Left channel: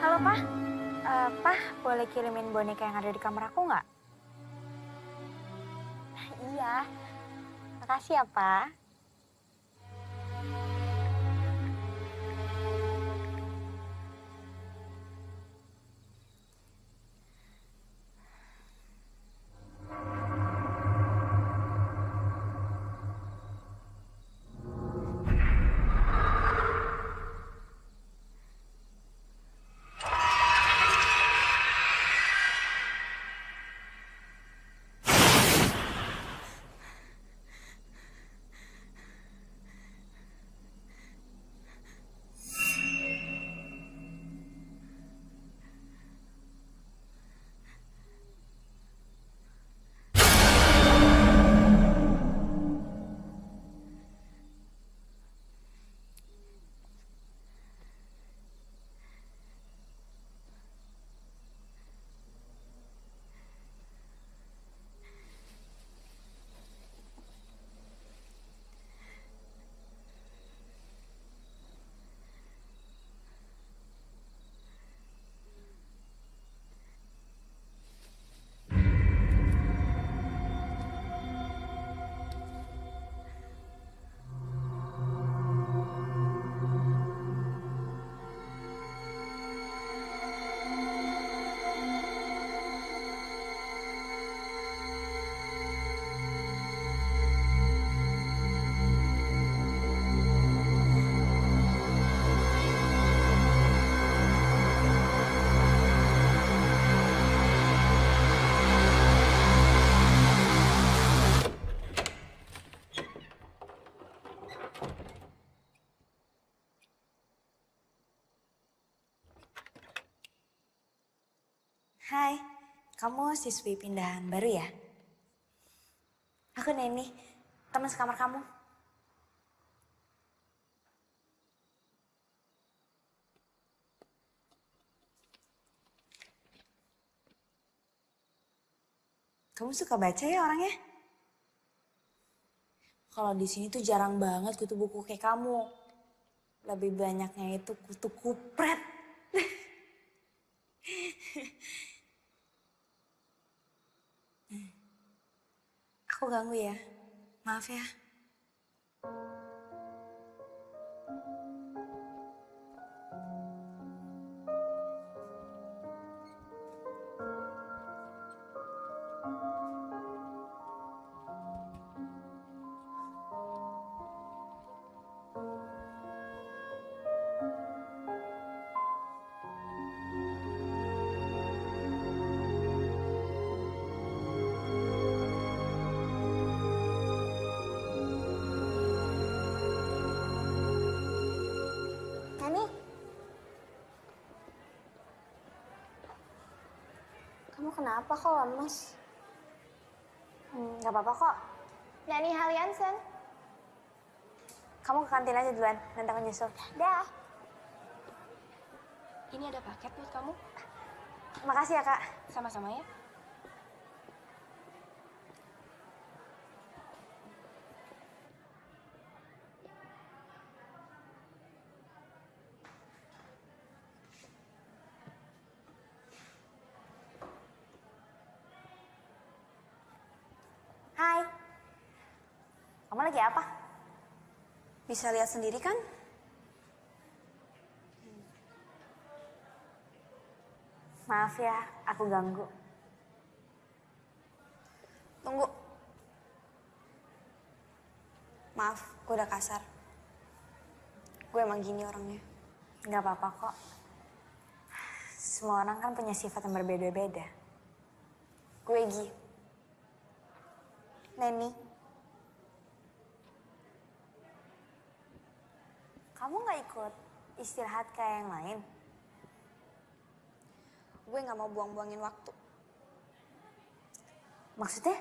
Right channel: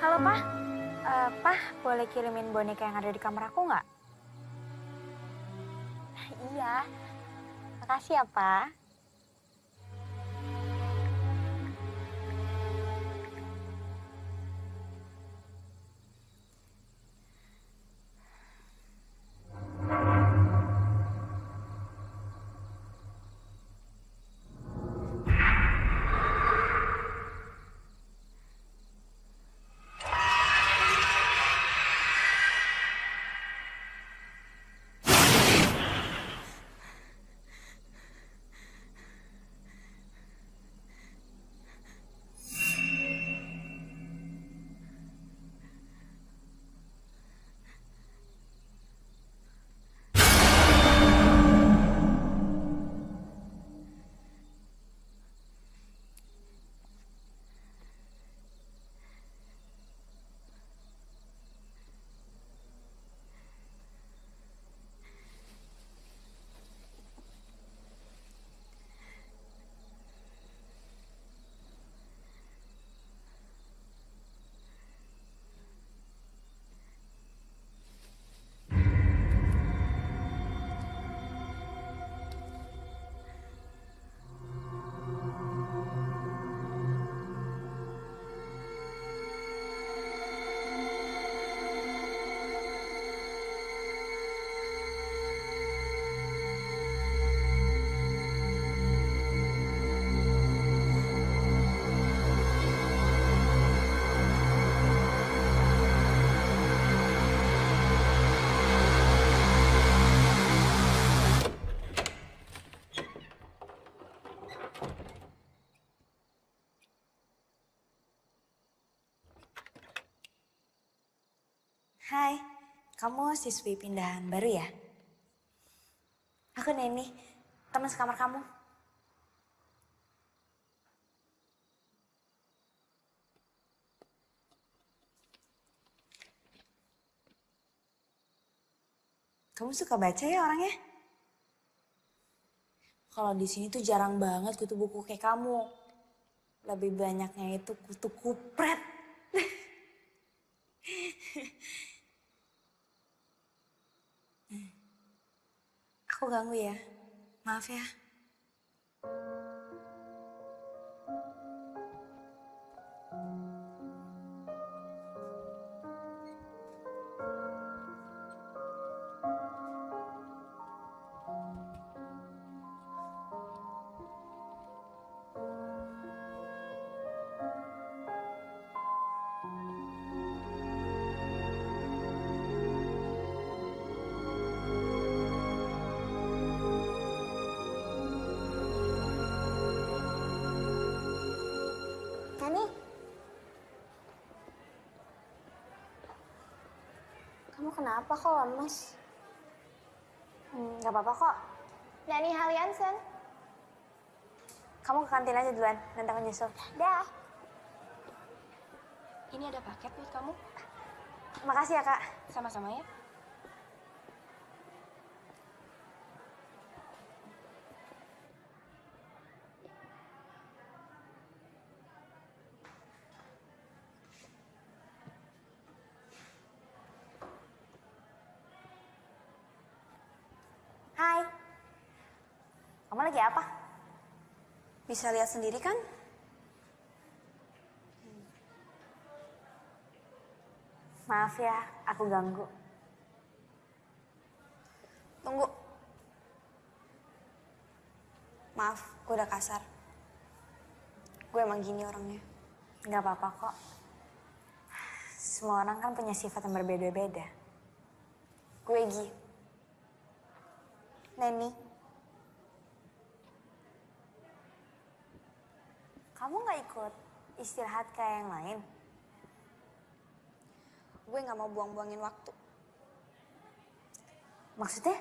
Halo, Pak. Pak, boleh kirimin boneka yang ada di kamar aku nggak? Iya, makasih ya, Pak. Hai, kamu siswi pindahan baru ya? Aku Neni, teman sekamar kamu. Kamu suka baca ya orangnya? Kalau di sini tuh jarang banget kutu buku kayak kamu. Lebih banyaknya itu kutu kupret. Aku ganggu ya, maaf ya. Nani, kamu kenapa kok lemes? Gak apa-apa kok. Nani Haliansen. Kamu ke kantin aja duluan, nanti aku nyusul. Dah. Ini ada paket buat kamu. Makasih ya, Kak. Sama-sama ya. Hai. Kamu lagi apa? Bisa lihat sendiri kan? Maaf ya, aku ganggu. Tunggu. Maaf, gue udah kasar. Gue emang gini orangnya. Gak apa-apa kok. Semua orang kan punya sifat yang berbeda-beda. Gue Gi. Neni. Kamu gak ikut istirahat kayak yang lain? Gue gak mau buang-buangin waktu. Maksudnya?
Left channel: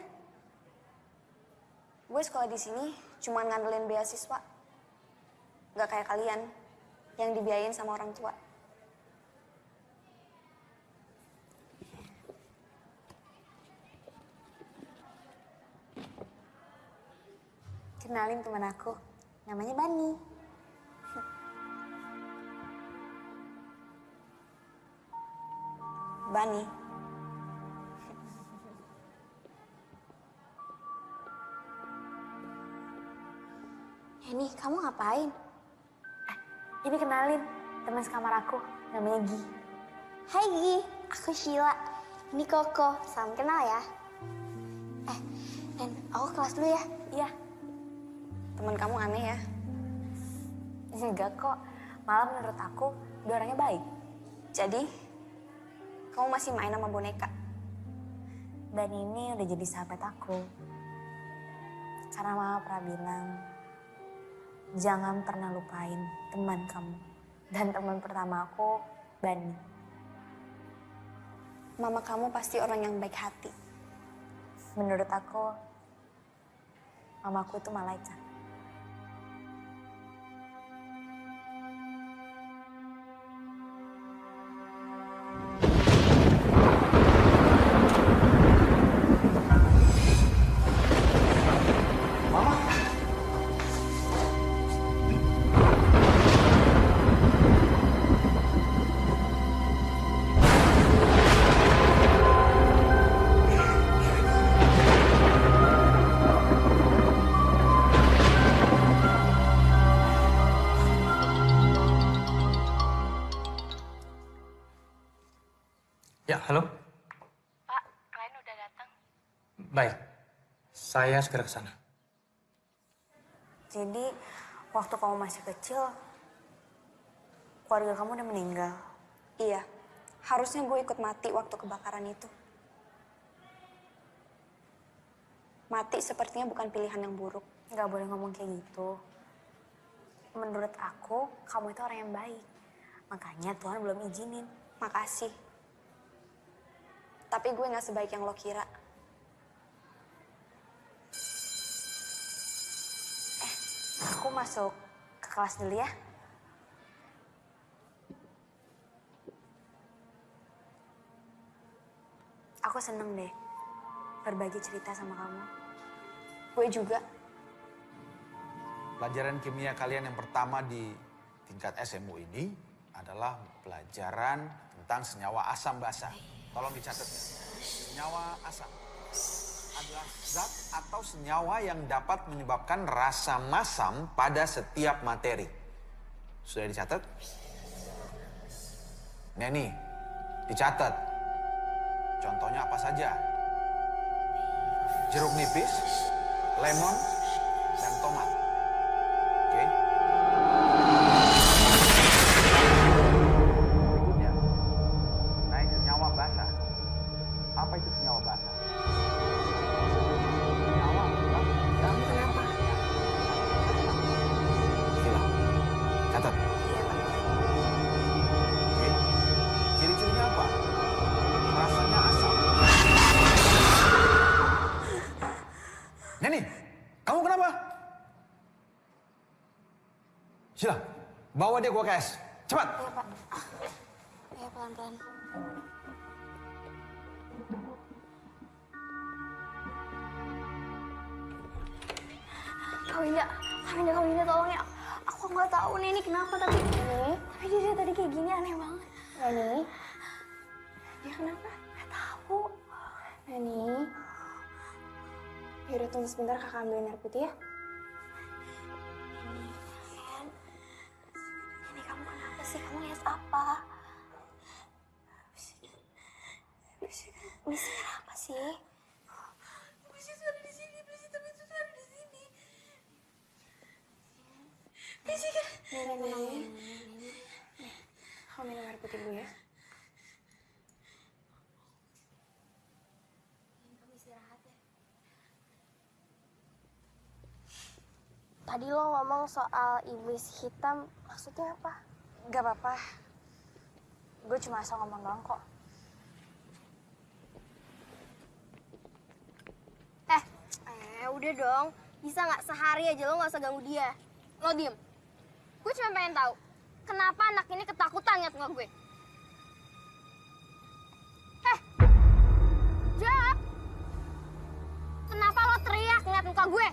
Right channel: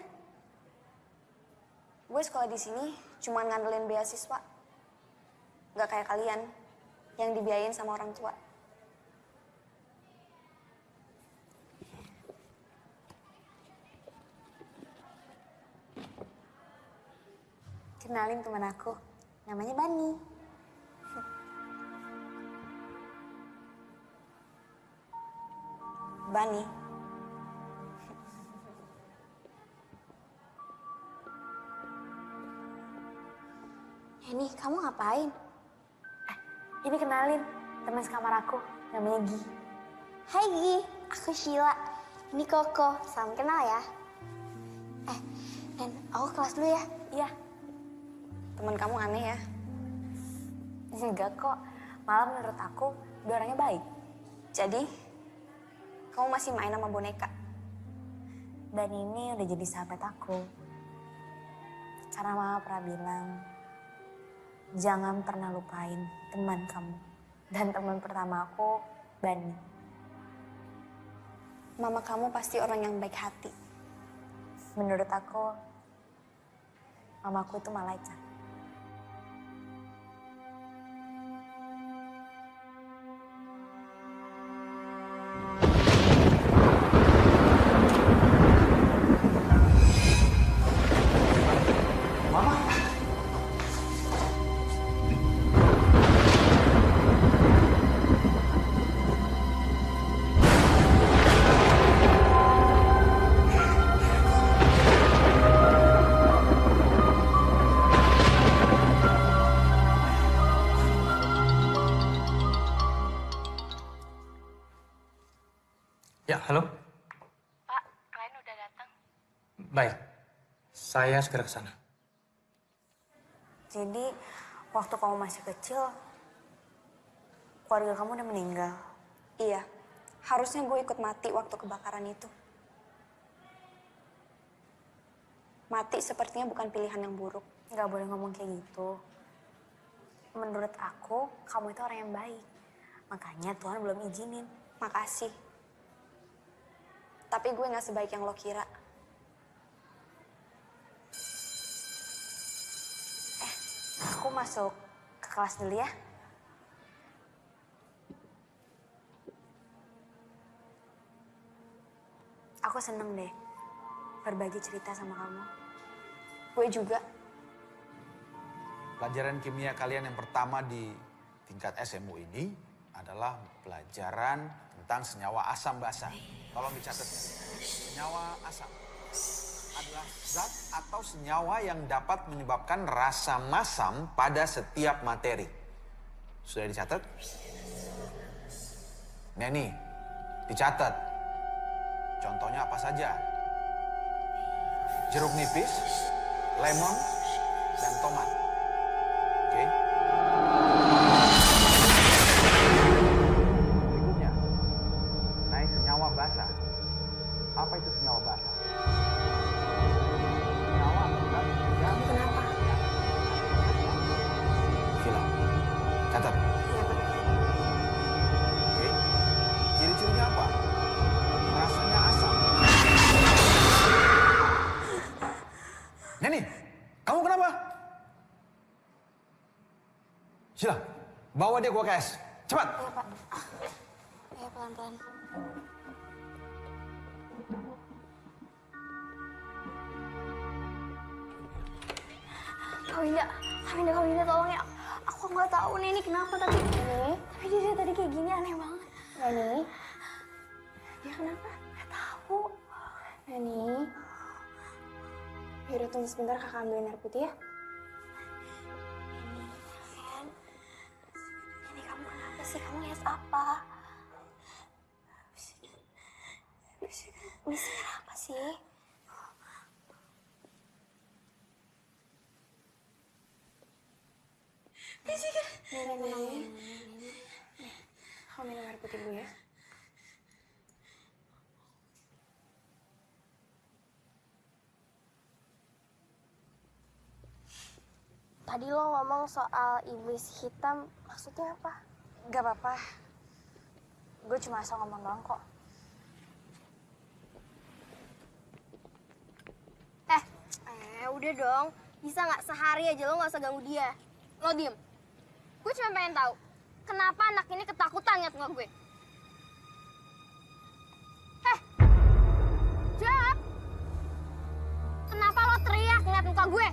Gue sekolah di sini cuma ngandelin beasiswa. Gak kayak kalian yang dibiayain sama orang tua. Kenalin teman aku, namanya Bani. Bani. Ini kamu ngapain? Ini kenalin, teman sekamar aku, namanya Gi. Hai Gi, aku Sheila. Ini Koko, salam kenal ya. Nen, aku kelas dulu ya. Iya. Teman kamu aneh ya. Enggak kok, malah menurut aku dia orangnya baik. Jadi, kamu masih main sama boneka? Dan ini udah jadi sahabat aku. Karena mama pernah bilang, jangan pernah lupain teman kamu. Dan teman pertama aku, Bani. Mama kamu pasti orang yang baik hati. Menurut aku, mamaku itu malaikat. Mama. Ya, halo. Pak, klien udah datang. Baik, saya segera ke sana. Jadi, waktu kamu masih kecil, keluarga kamu udah meninggal. Iya, harusnya gue ikut mati waktu kebakaran itu. Mati sepertinya bukan pilihan yang buruk. Nggak boleh ngomong kayak gitu. Menurut aku, kamu itu orang yang baik. Makanya Tuhan belum izinin. Makasih. Tapi gue gak sebaik yang lo kira. Aku masuk ke kelas dulu ya. Aku seneng deh berbagi cerita sama kamu. Gue juga. Pelajaran kimia kalian yang pertama di tingkat SMU ini adalah pelajaran tentang senyawa asam basa. Tolong dicatat ya. Senyawa asam adalah zat atau senyawa yang dapat menyebabkan rasa masam pada setiap materi. Sudah dicatat? Nah nih, dicatat. Contohnya apa saja? Jeruk nipis, lemon, dan tomat. Oke. Berikutnya, naik senyawa basa. Apa itu senyawa basa? Senyawa atau zat yang kenapa? bereaksi dengan asam. Sheila, catat. Iya Pak. Oke. Ciri-cirinya apa? Rasanya asam. Neni, kamu kenapa? Sheila, bawa dia ke UKS. Cepat. Iya Pak. Iya pelan-pelan. Kak Winda tolong ya. Aku nggak tahu nih ini kenapa tapi dia tadi kayak gini aneh banget. Neni, dia kenapa? Nggak tahu. Neni, yaudah tunggu sebentar kakak ambilin air putih ya. Neni, sayang. Neni kamu kenapa sih? Kamu lihat apa? Bisik apa sih? Nenek. Kamu minum air putih dulu ya. Tadi lo ngomong soal iblis hitam, maksudnya apa? Gak apa-apa. Gue cuma asal ngomong doang kok. Udah dong. Bisa nggak sehari aja lo nggak usah ganggu dia. Lo diem. Gue cuma pengen tahu, kenapa anak ini ketakutan ngeliat muka gue? Jawab! Kenapa lo teriak ngeliat muka gue?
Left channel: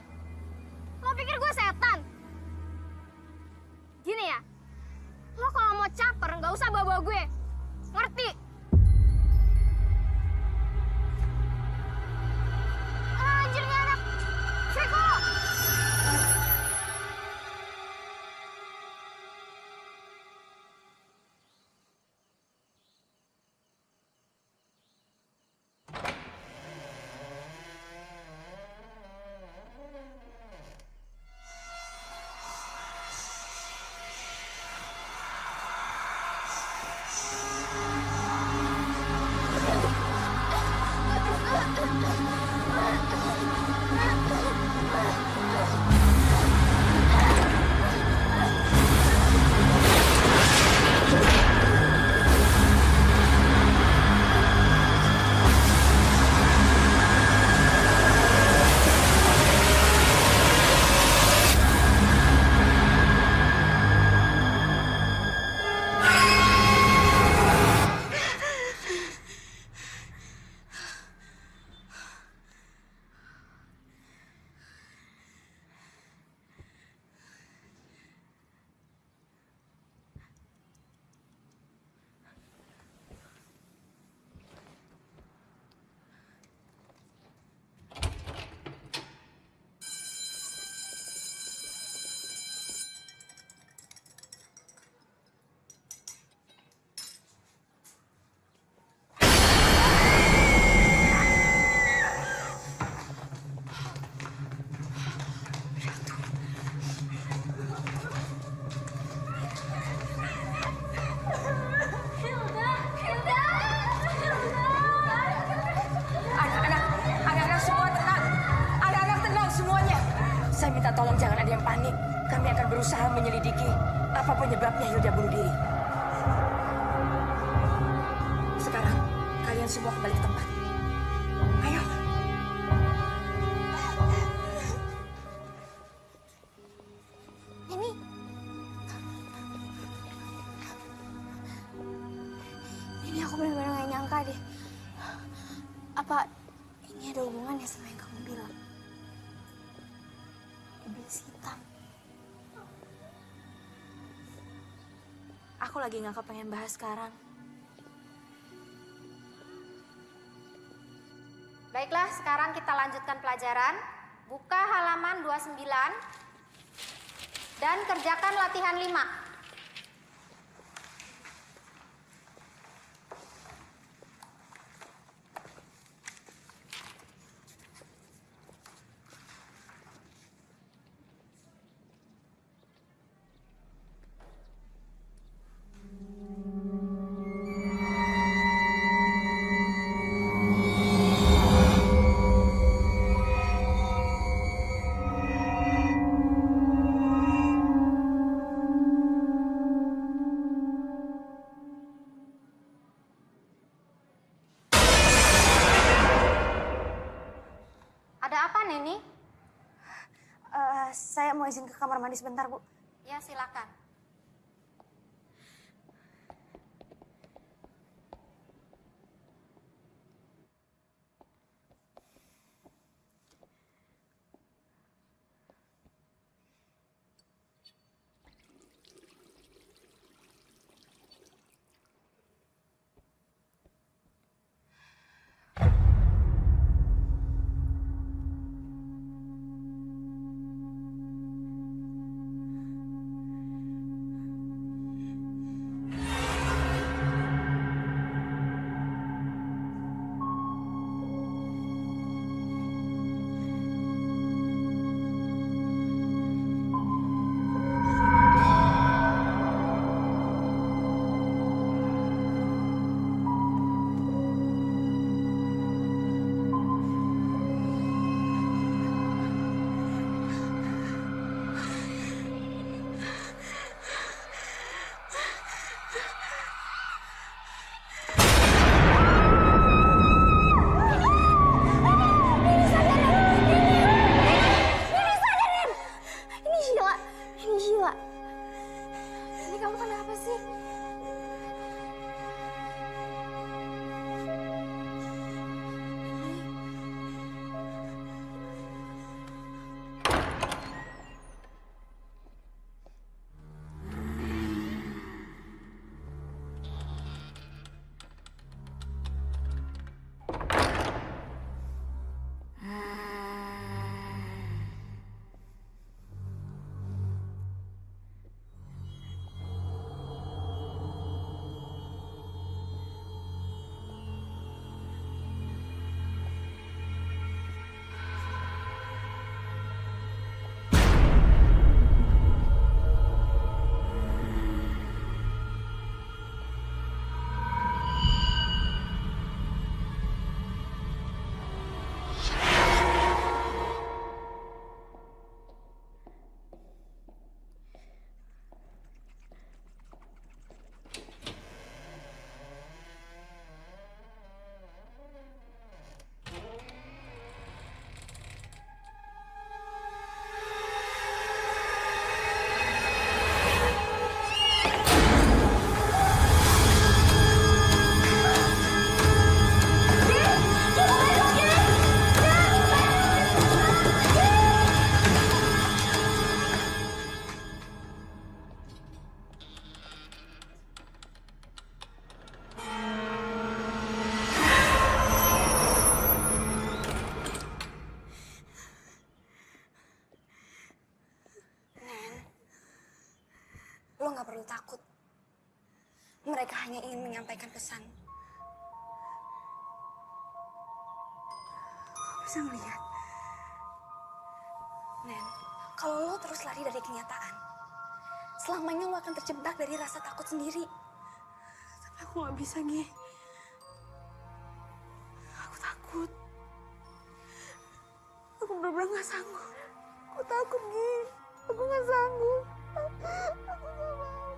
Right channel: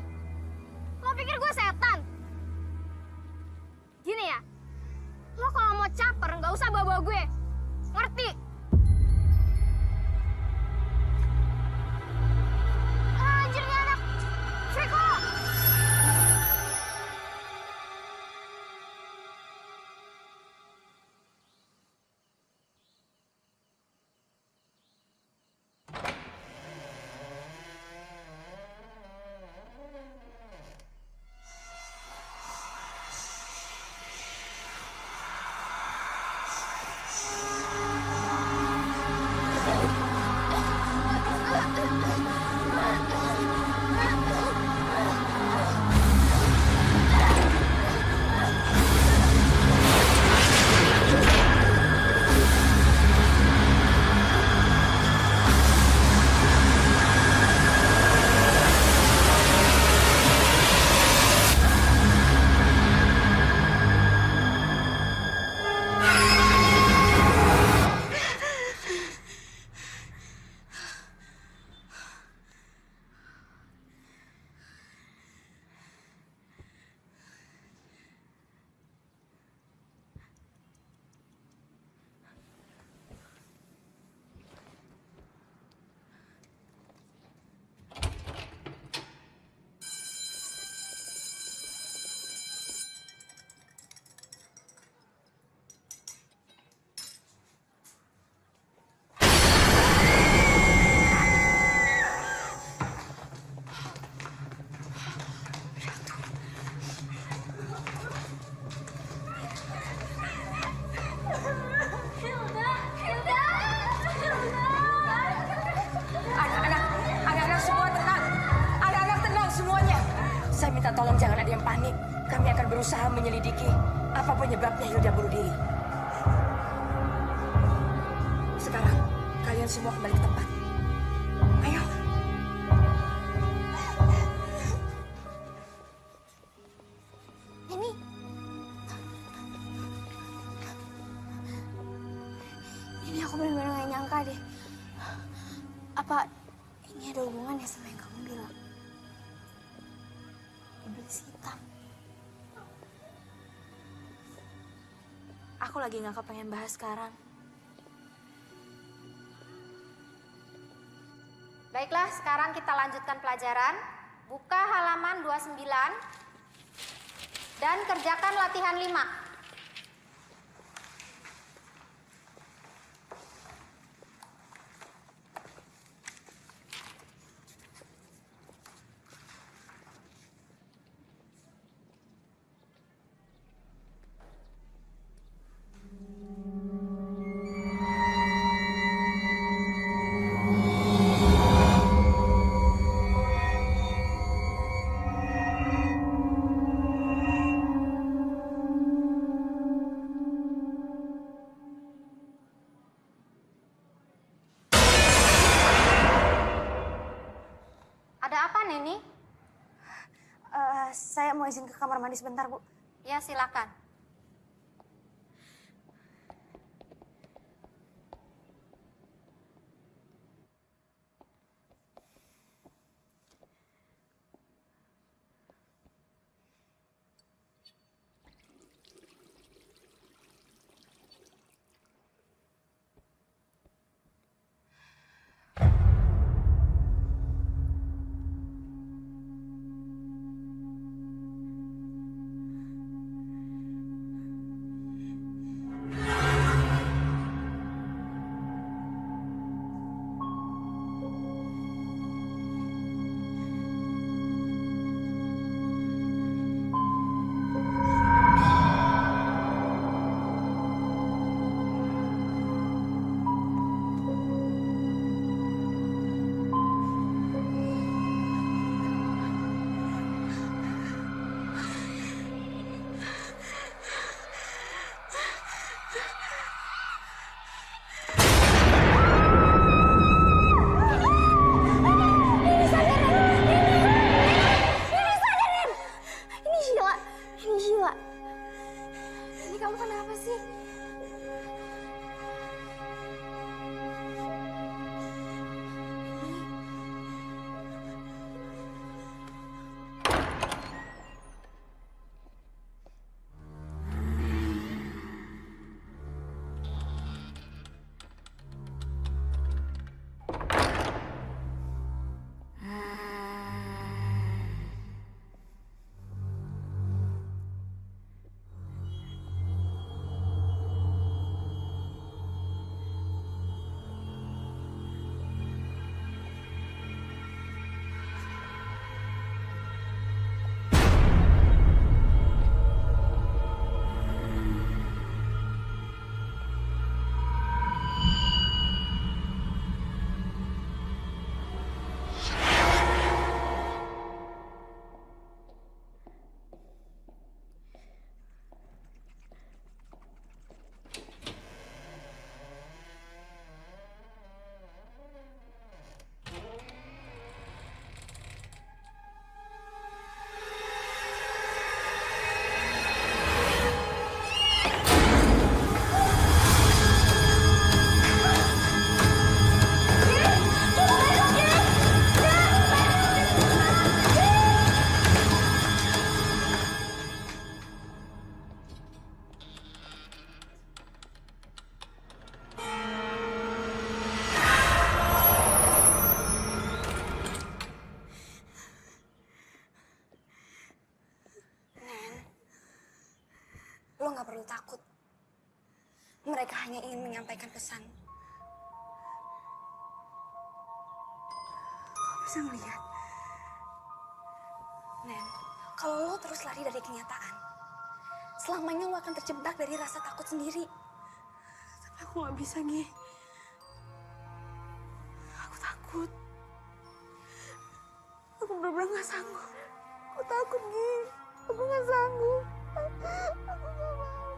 Lo pikir gue setan? Gini ya, lo kalau mau caper nggak usah bawa-bawa gue. Ngerti? tolong jangan ada yang panik. Kami akan berusaha menyelidiki apa penyebabnya Hilda bunuh diri. Sekarang, kalian semua kembali ke tempat. Ayo. Ini aku benar-benar gak nyangka deh. Apa ini ada hubungannya sama yang kamu bilang? Iblis hitam. Aku lagi gak kepengen bahas sekarang. Baiklah, sekarang kita lanjutkan pelajaran. Buka halaman 29 dan kerjakan latihan 5. Ada apa, Neni? Saya mau izin ke kamar mandi sebentar, Bu. Ya, silakan. Ini kamu kenapa sih? Lo gak perlu takut. Mereka hanya ingin menyampaikan pesan. Kau bisa ngeliat? Nen, kalau lo terus lari dari kenyataan, selamanya lo akan terjebak dari rasa takut sendiri. Tapi aku gak bisa, Gi. Aku takut. Aku bener-bener gak sanggup. Aku takut, Gi. Aku nggak sanggup. Aku nggak mau.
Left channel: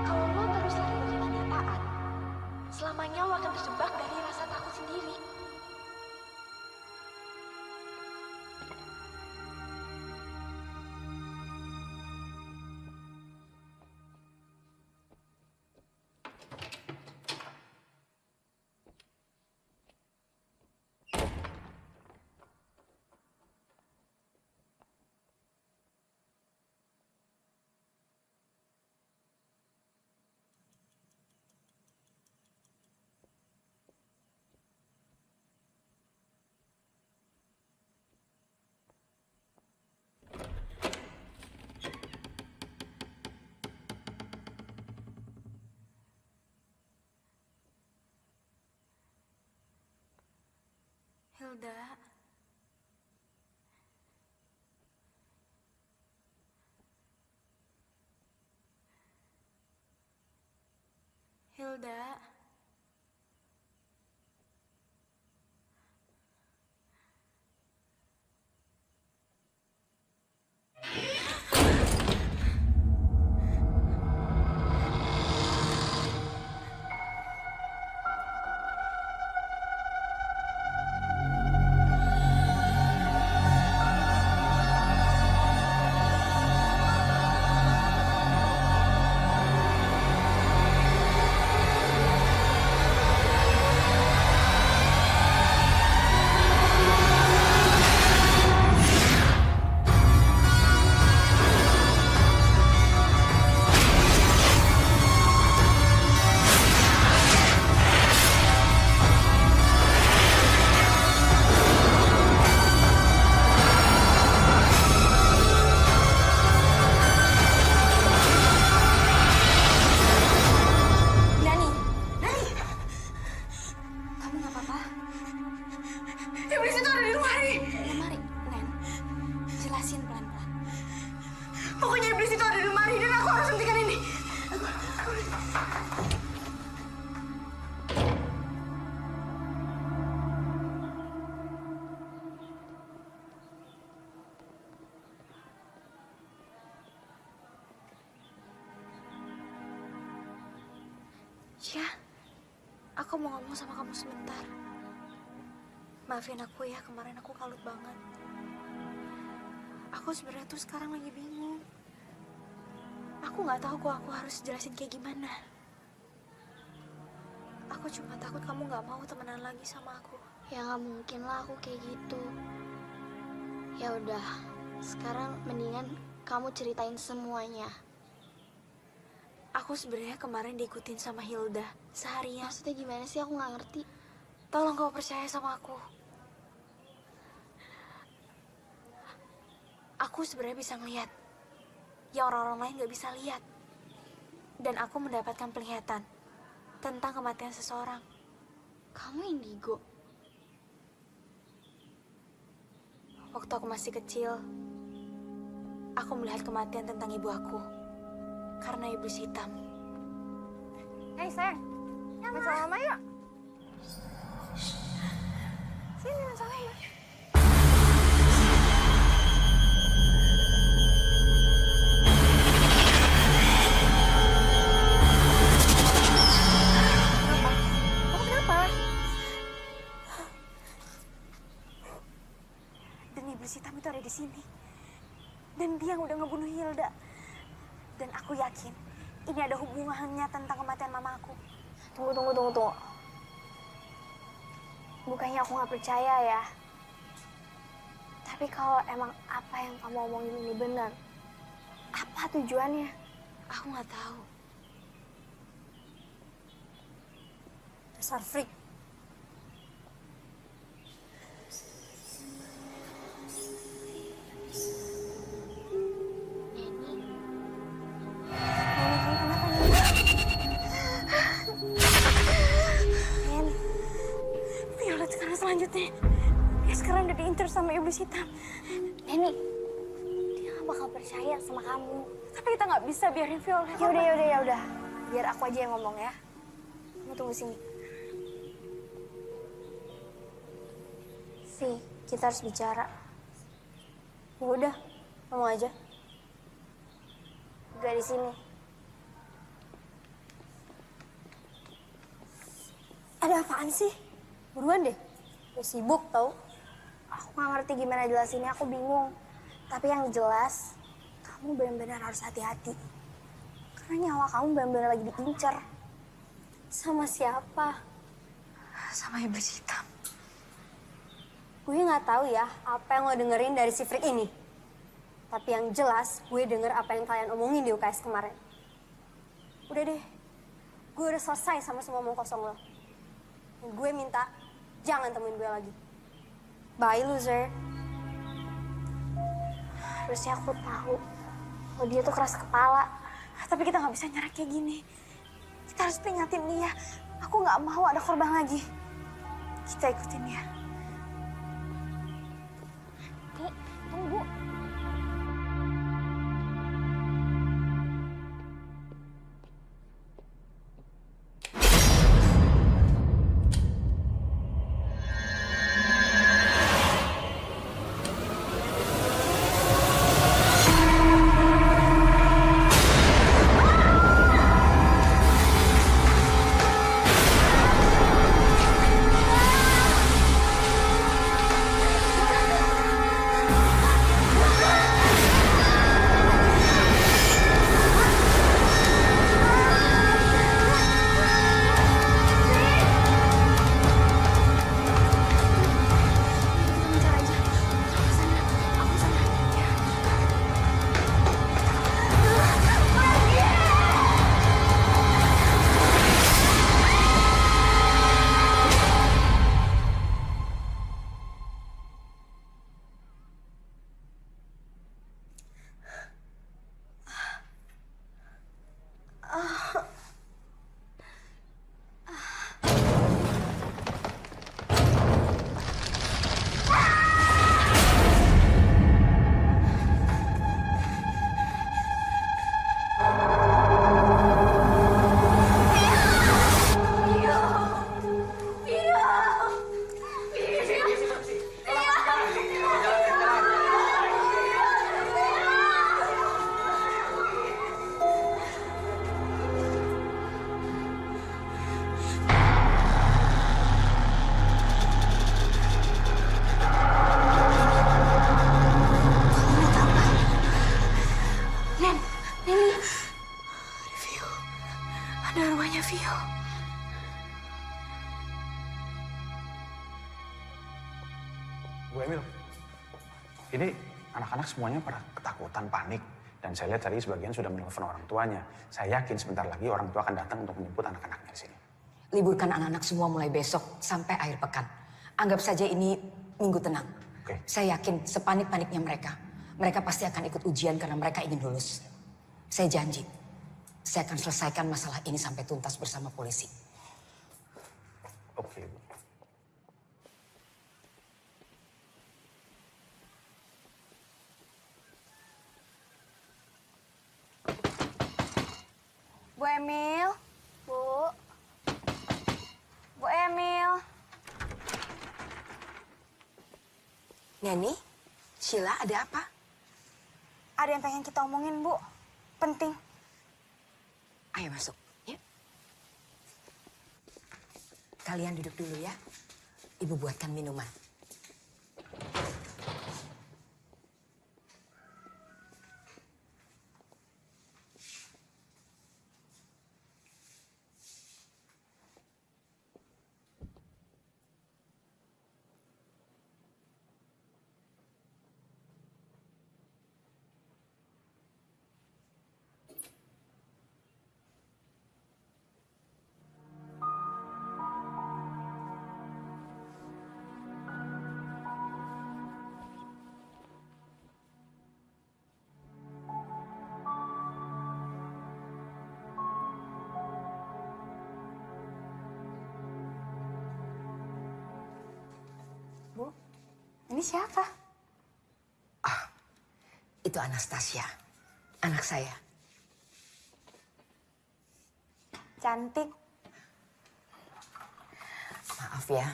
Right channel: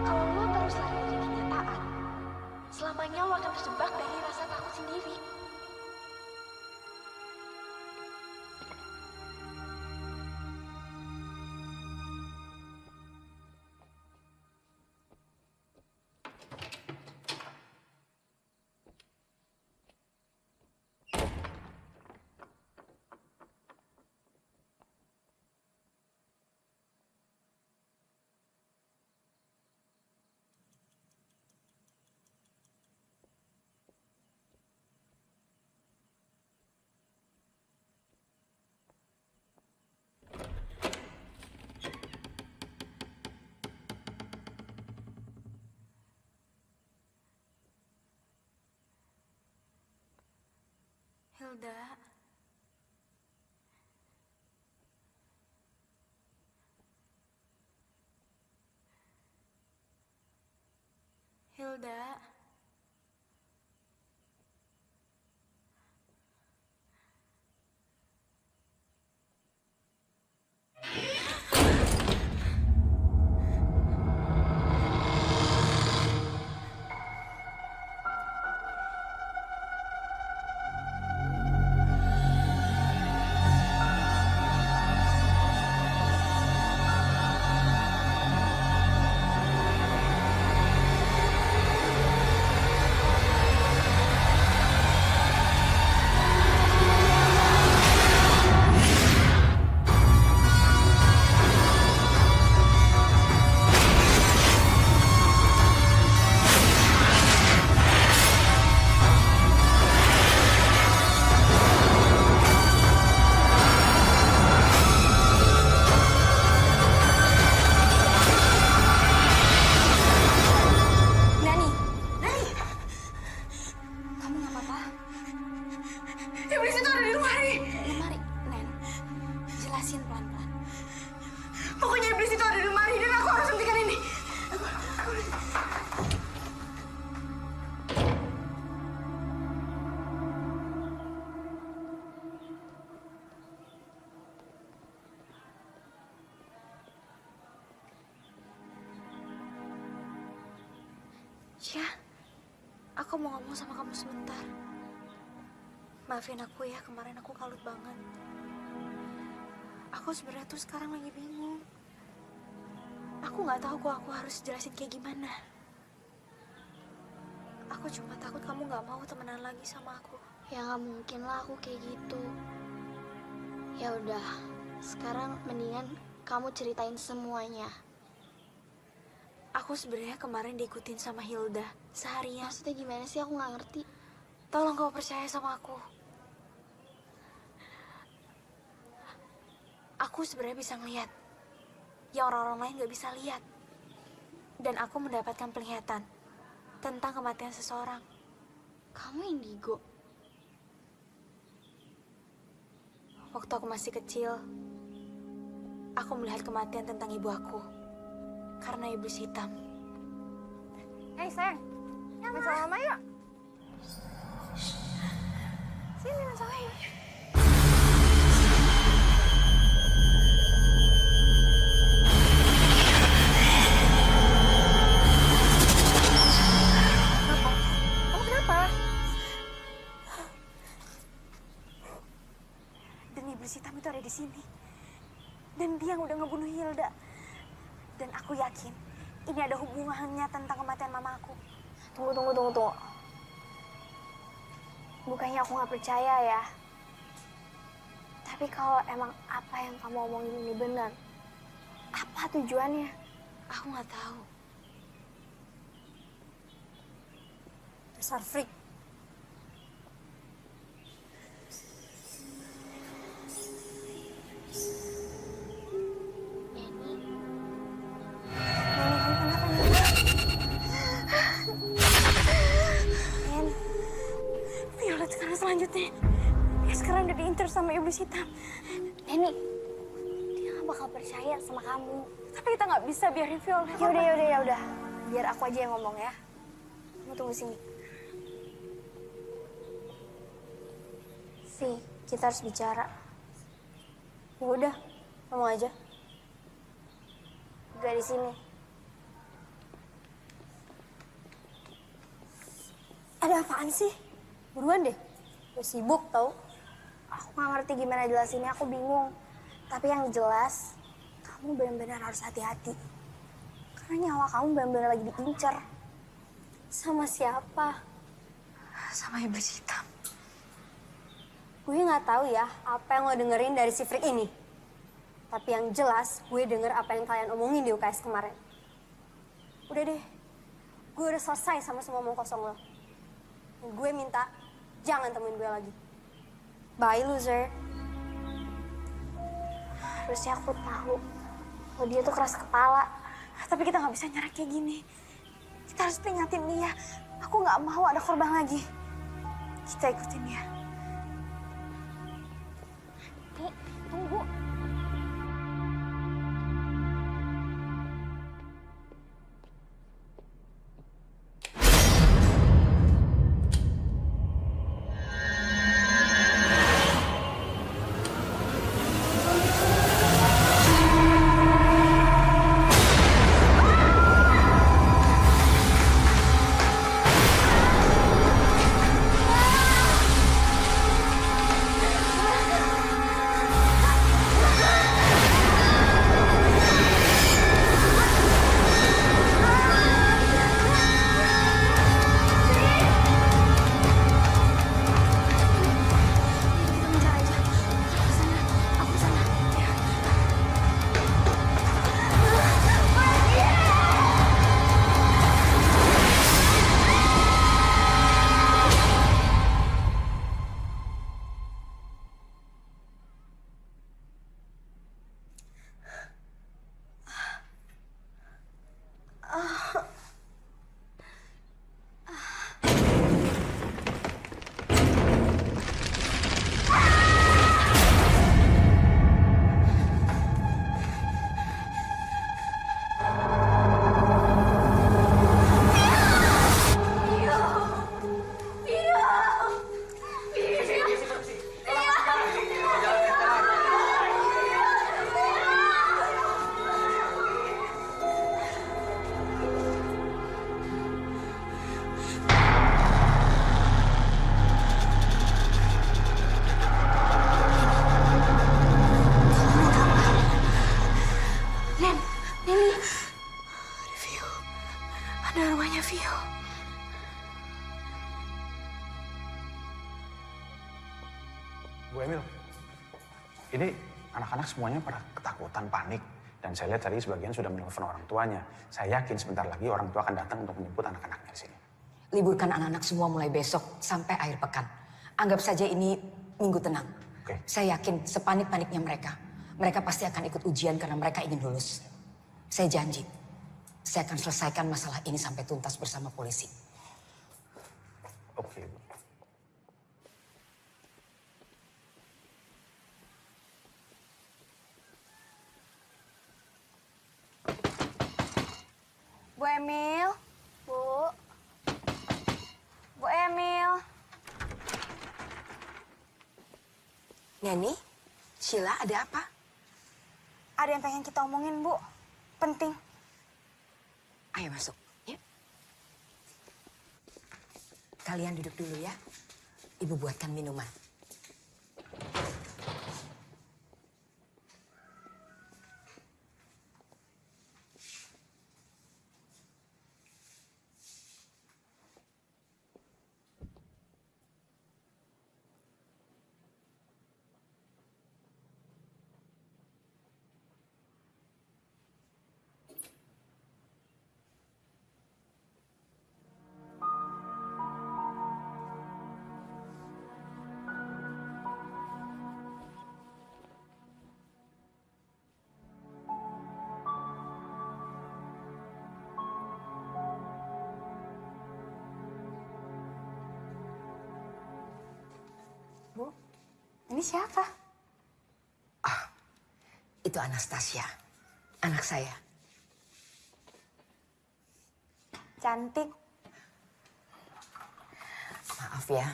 Kalau lo terus lari dari kenyataan, selamanya lo akan terjebak dari rasa takut sendiri. Hilda. Hilda. Nani, Nani, kamu nggak apa-apa? Iblis itu ada di lemari. Lemari, Nen, jelasin pelan-pelan. Pokoknya iblis itu ada di lemari dan aku harus hentikan ini. Ya, aku mau ngomong sama kamu sebentar. Maafin aku ya, kemarin aku kalut banget. Aku sebenarnya tuh sekarang lagi bingung. Aku nggak tahu kok aku harus jelasin kayak gimana. Aku cuma takut kamu nggak mau temenan lagi sama aku. Ya nggak mungkin lah aku kayak gitu. Ya udah, sekarang mendingan kamu ceritain semuanya. Aku sebenarnya kemarin diikutin sama Hilda seharian. Maksudnya gimana sih? Aku nggak ngerti. Tolong kau percaya sama aku. Aku sebenarnya bisa ngeliat yang orang-orang lain nggak bisa lihat. Dan aku mendapatkan penglihatan tentang kematian seseorang. Kamu indigo? Waktu aku masih kecil, aku melihat kematian tentang ibu aku karena iblis hitam. Hei sayang, main sama mama yuk. Sini main sama mama. Kamu kenapa? Kamu kenapa? Dan iblis hitam itu ada di sini. Dan dia yang udah ngebunuh Hilda. Dan aku yakin ini ada hubungannya tentang kematian mama aku. Tunggu. Bukannya aku nggak percaya ya. Tapi kalau emang apa yang kamu omongin ini benar, apa tujuannya? Aku nggak tahu. Dasar freak. Neni, sekarang selanjutnya, dia sekarang udah diincar sama iblis hitam. Neni, dia gak bakal percaya sama kamu. Tapi kita nggak bisa biarin Violet. Ya udah. Biar aku aja yang ngomong ya. Kamu tunggu sini. Kita harus bicara. Ya udah, ngomong aja. Gak di sini. Ada apaan sih? Buruan deh. Gue sibuk tau. Aku gak ngerti gimana jelasinnya, aku bingung. Tapi yang jelas, kamu benar-benar harus hati-hati. Karena nyawa kamu benar-benar lagi diincar. Sama siapa? Sama iblis hitam. Gue nggak tahu ya apa yang lo dengerin dari si freak ini. Tapi yang jelas gue denger apa yang kalian omongin di UKS kemarin. Udah deh, gue udah selesai sama semua omong kosong lo. Dan gue minta jangan temuin gue lagi. Bye loser. Harusnya aku tahu kalau dia tuh keras kepala. Tapi kita nggak bisa nyerah kayak gini. Kita harus peringatin dia. Aku nggak mau ada korban lagi. Kita ikutin dia. Nih, tunggu. Kita mencari aja. Aku ke sana. Aku ke sana. Ya. Kamu lihat apa? Neni. Ada Vio. Ada arwahnya Vio. Bu Emil, ini anak-anak semuanya pada ketakutan, panik. Dan saya lihat tadi sebagian sudah menelpon orang tuanya. Saya yakin sebentar lagi orang tua akan datang untuk menjemput anak-anaknya di sini. Liburkan anak-anak semua mulai besok sampai akhir pekan. Anggap saja ini minggu tenang. Oke. Saya yakin sepanik-paniknya mereka. Mereka pasti akan ikut ujian karena mereka ingin lulus. Saya janji, saya akan selesaikan masalah ini sampai tuntas bersama polisi. Oke, Bu. Bu Emil. Bu Emil. Neni, Sheila ada apa? Ada yang pengen kita omongin, Bu. Penting. Ayo masuk, ya. Kalian duduk dulu ya. Ibu buatkan minuman. Bu, ini siapa? Itu Anastasia, anak saya. Cantik. Maaf ya,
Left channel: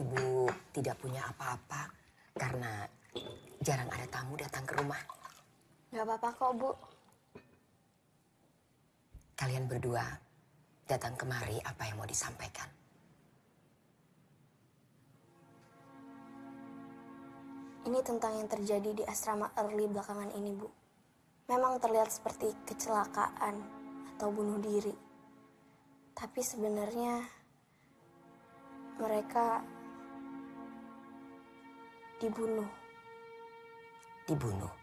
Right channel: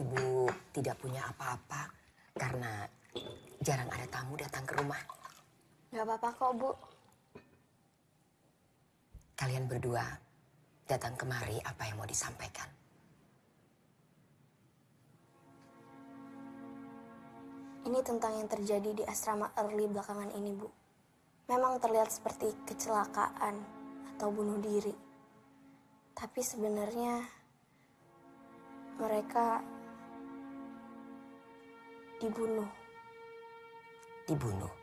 Ibu tidak punya apa-apa karena jarang ada tamu datang ke rumah. Gak apa-apa kok, Bu. Kalian berdua datang kemari, apa yang mau disampaikan? Ini tentang yang terjadi di asrama Early belakangan ini, Bu. Memang terlihat seperti kecelakaan atau bunuh diri. Tapi sebenarnya mereka dibunuh. Dibunuh.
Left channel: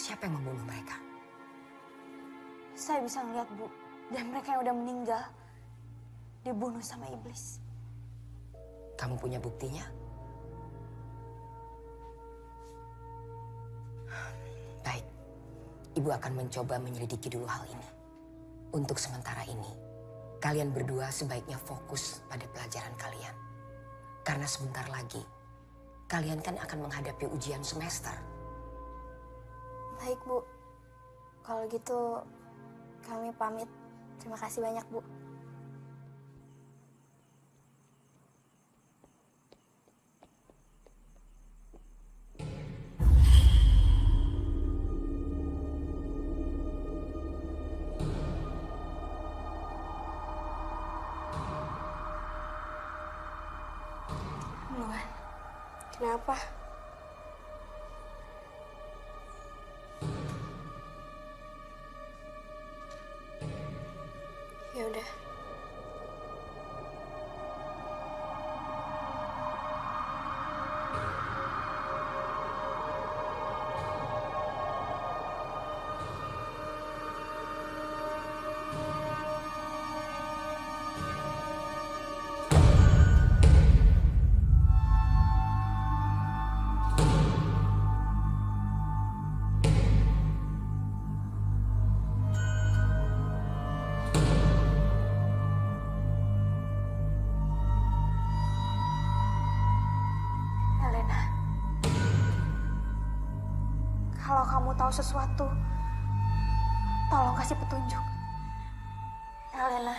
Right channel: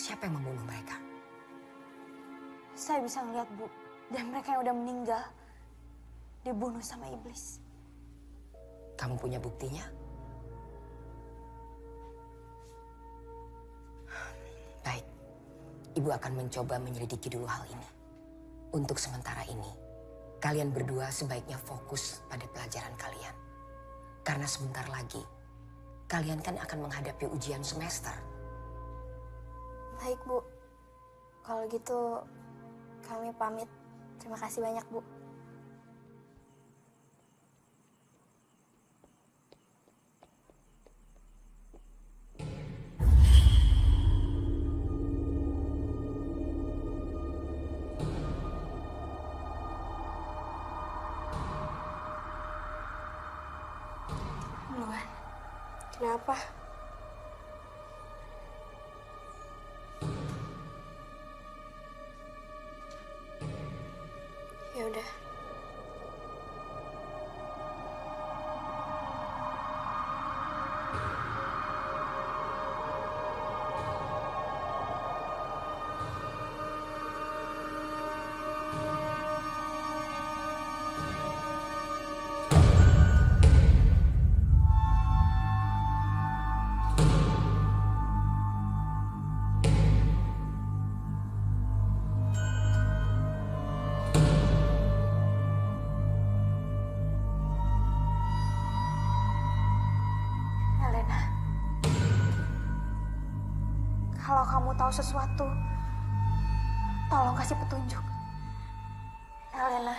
Siapa yang membunuh mereka? Saya bisa ngeliat, Bu. Dan mereka yang udah meninggal dibunuh sama iblis. Kamu punya buktinya? Baik, Ibu akan mencoba menyelidiki dulu hal ini. Untuk sementara ini, kalian berdua sebaiknya fokus pada pelajaran kalian. Karena sebentar lagi, kalian kan akan menghadapi ujian semester. Baik, Bu. Kalau gitu, kami pamit. Terima kasih banyak, Bu. Luan, Kenapa? Ya udah. Helena. Kalau kamu tahu sesuatu, tolong kasih petunjuk. Helena.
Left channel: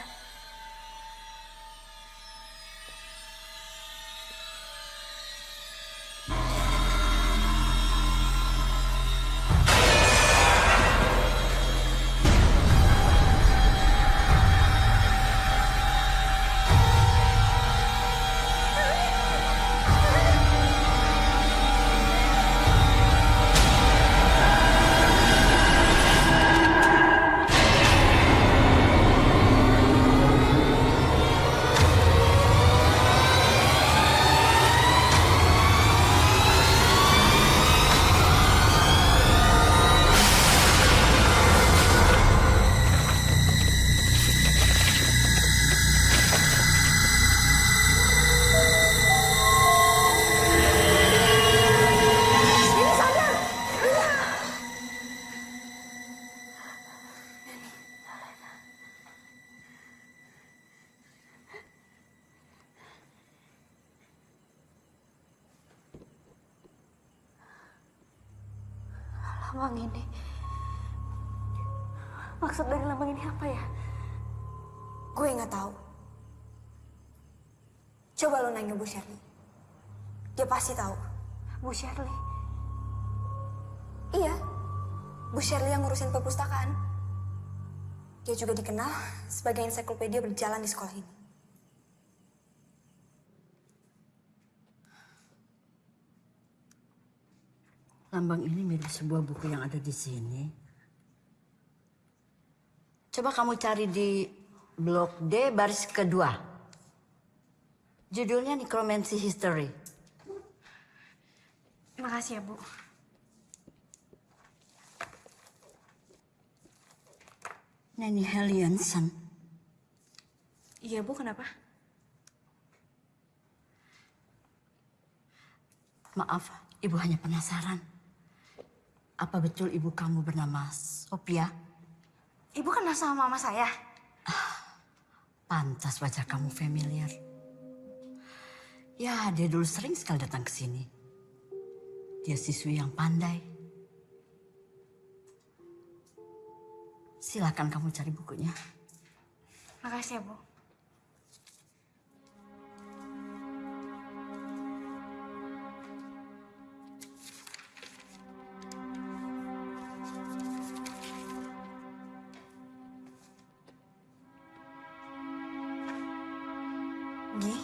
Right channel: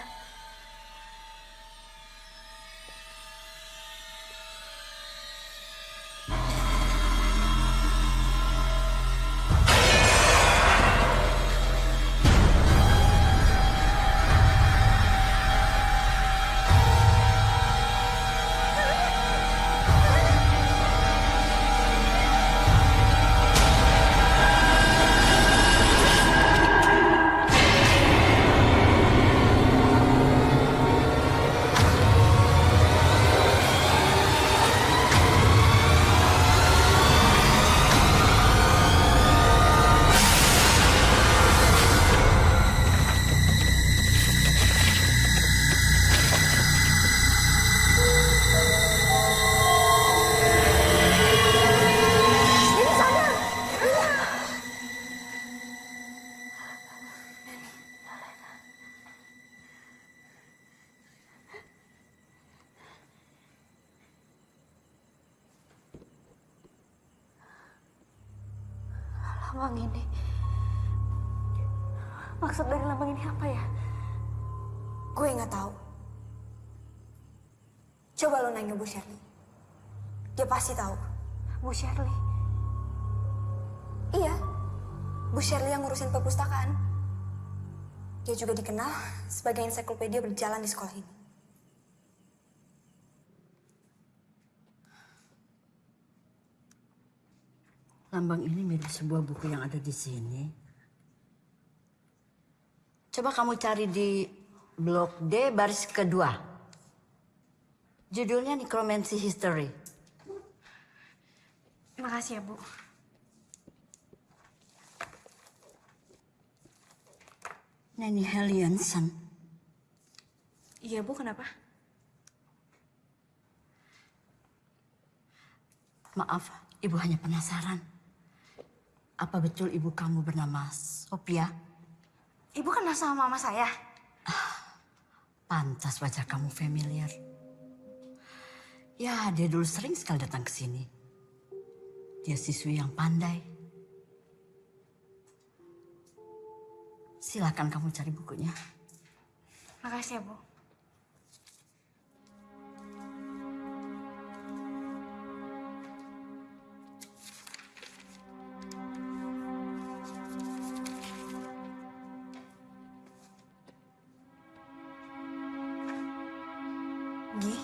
Lambang ini. Maksud dari lambang ini apa ya? Gue nggak tahu. Coba lo nanya Bu Shirley. Dia pasti tahu. Bu Shirley. Iya, Bu Shirley yang ngurusin perpustakaan. Dia juga dikenal sebagai ensiklopedia berjalan di sekolah ini. Lambang ini mirip sebuah buku yang ada di sini. Coba kamu cari di blok D baris kedua. Judulnya Necromancy History. Makasih ya, Bu. Nanny Hellianson. Iya, Bu, kenapa? Maaf, Ibu hanya penasaran. Apa betul ibu kamu bernama Sophia? Ibu kenal sama mama saya? Pantas wajah kamu familiar. Ya, dia dulu sering sekali datang ke sini. Dia siswi yang pandai. Silakan kamu cari bukunya. Makasih ya, Bu. Gi,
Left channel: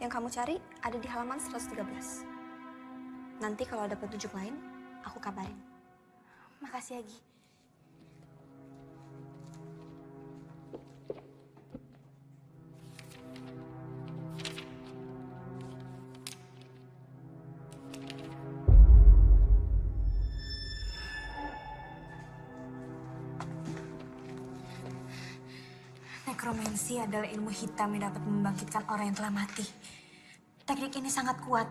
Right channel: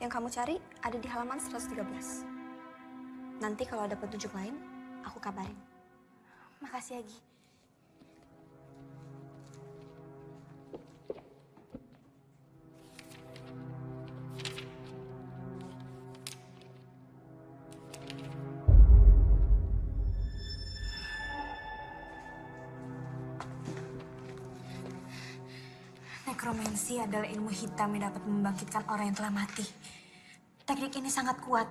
yang kamu cari ada di halaman 113. Nanti kalau ada petunjuk lain, aku kabarin. Makasih ya, Gi. Nekromansi adalah ilmu hitam yang dapat membangkitkan orang yang telah mati. Teknik ini sangat kuat,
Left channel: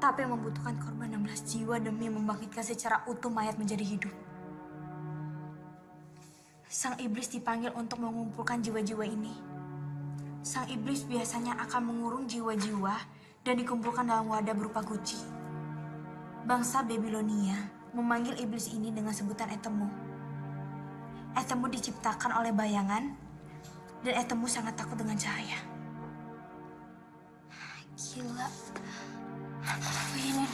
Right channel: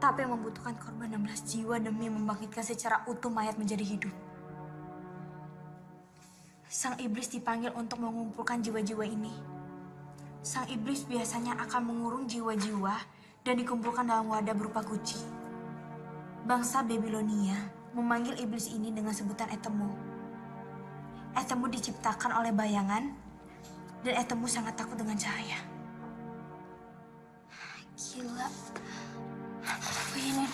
tapi membutuhkan korban 16 jiwa demi membangkitkan secara utuh mayat menjadi hidup. Sang iblis dipanggil untuk mengumpulkan jiwa-jiwa ini. Sang iblis biasanya akan mengurung jiwa-jiwa dan dikumpulkan dalam wadah berupa guci. Bangsa Babilonia memanggil iblis ini dengan sebutan Etemu. Etemu diciptakan oleh bayangan, dan Etemu sangat takut dengan cahaya. Gila. Oh iya, Nen.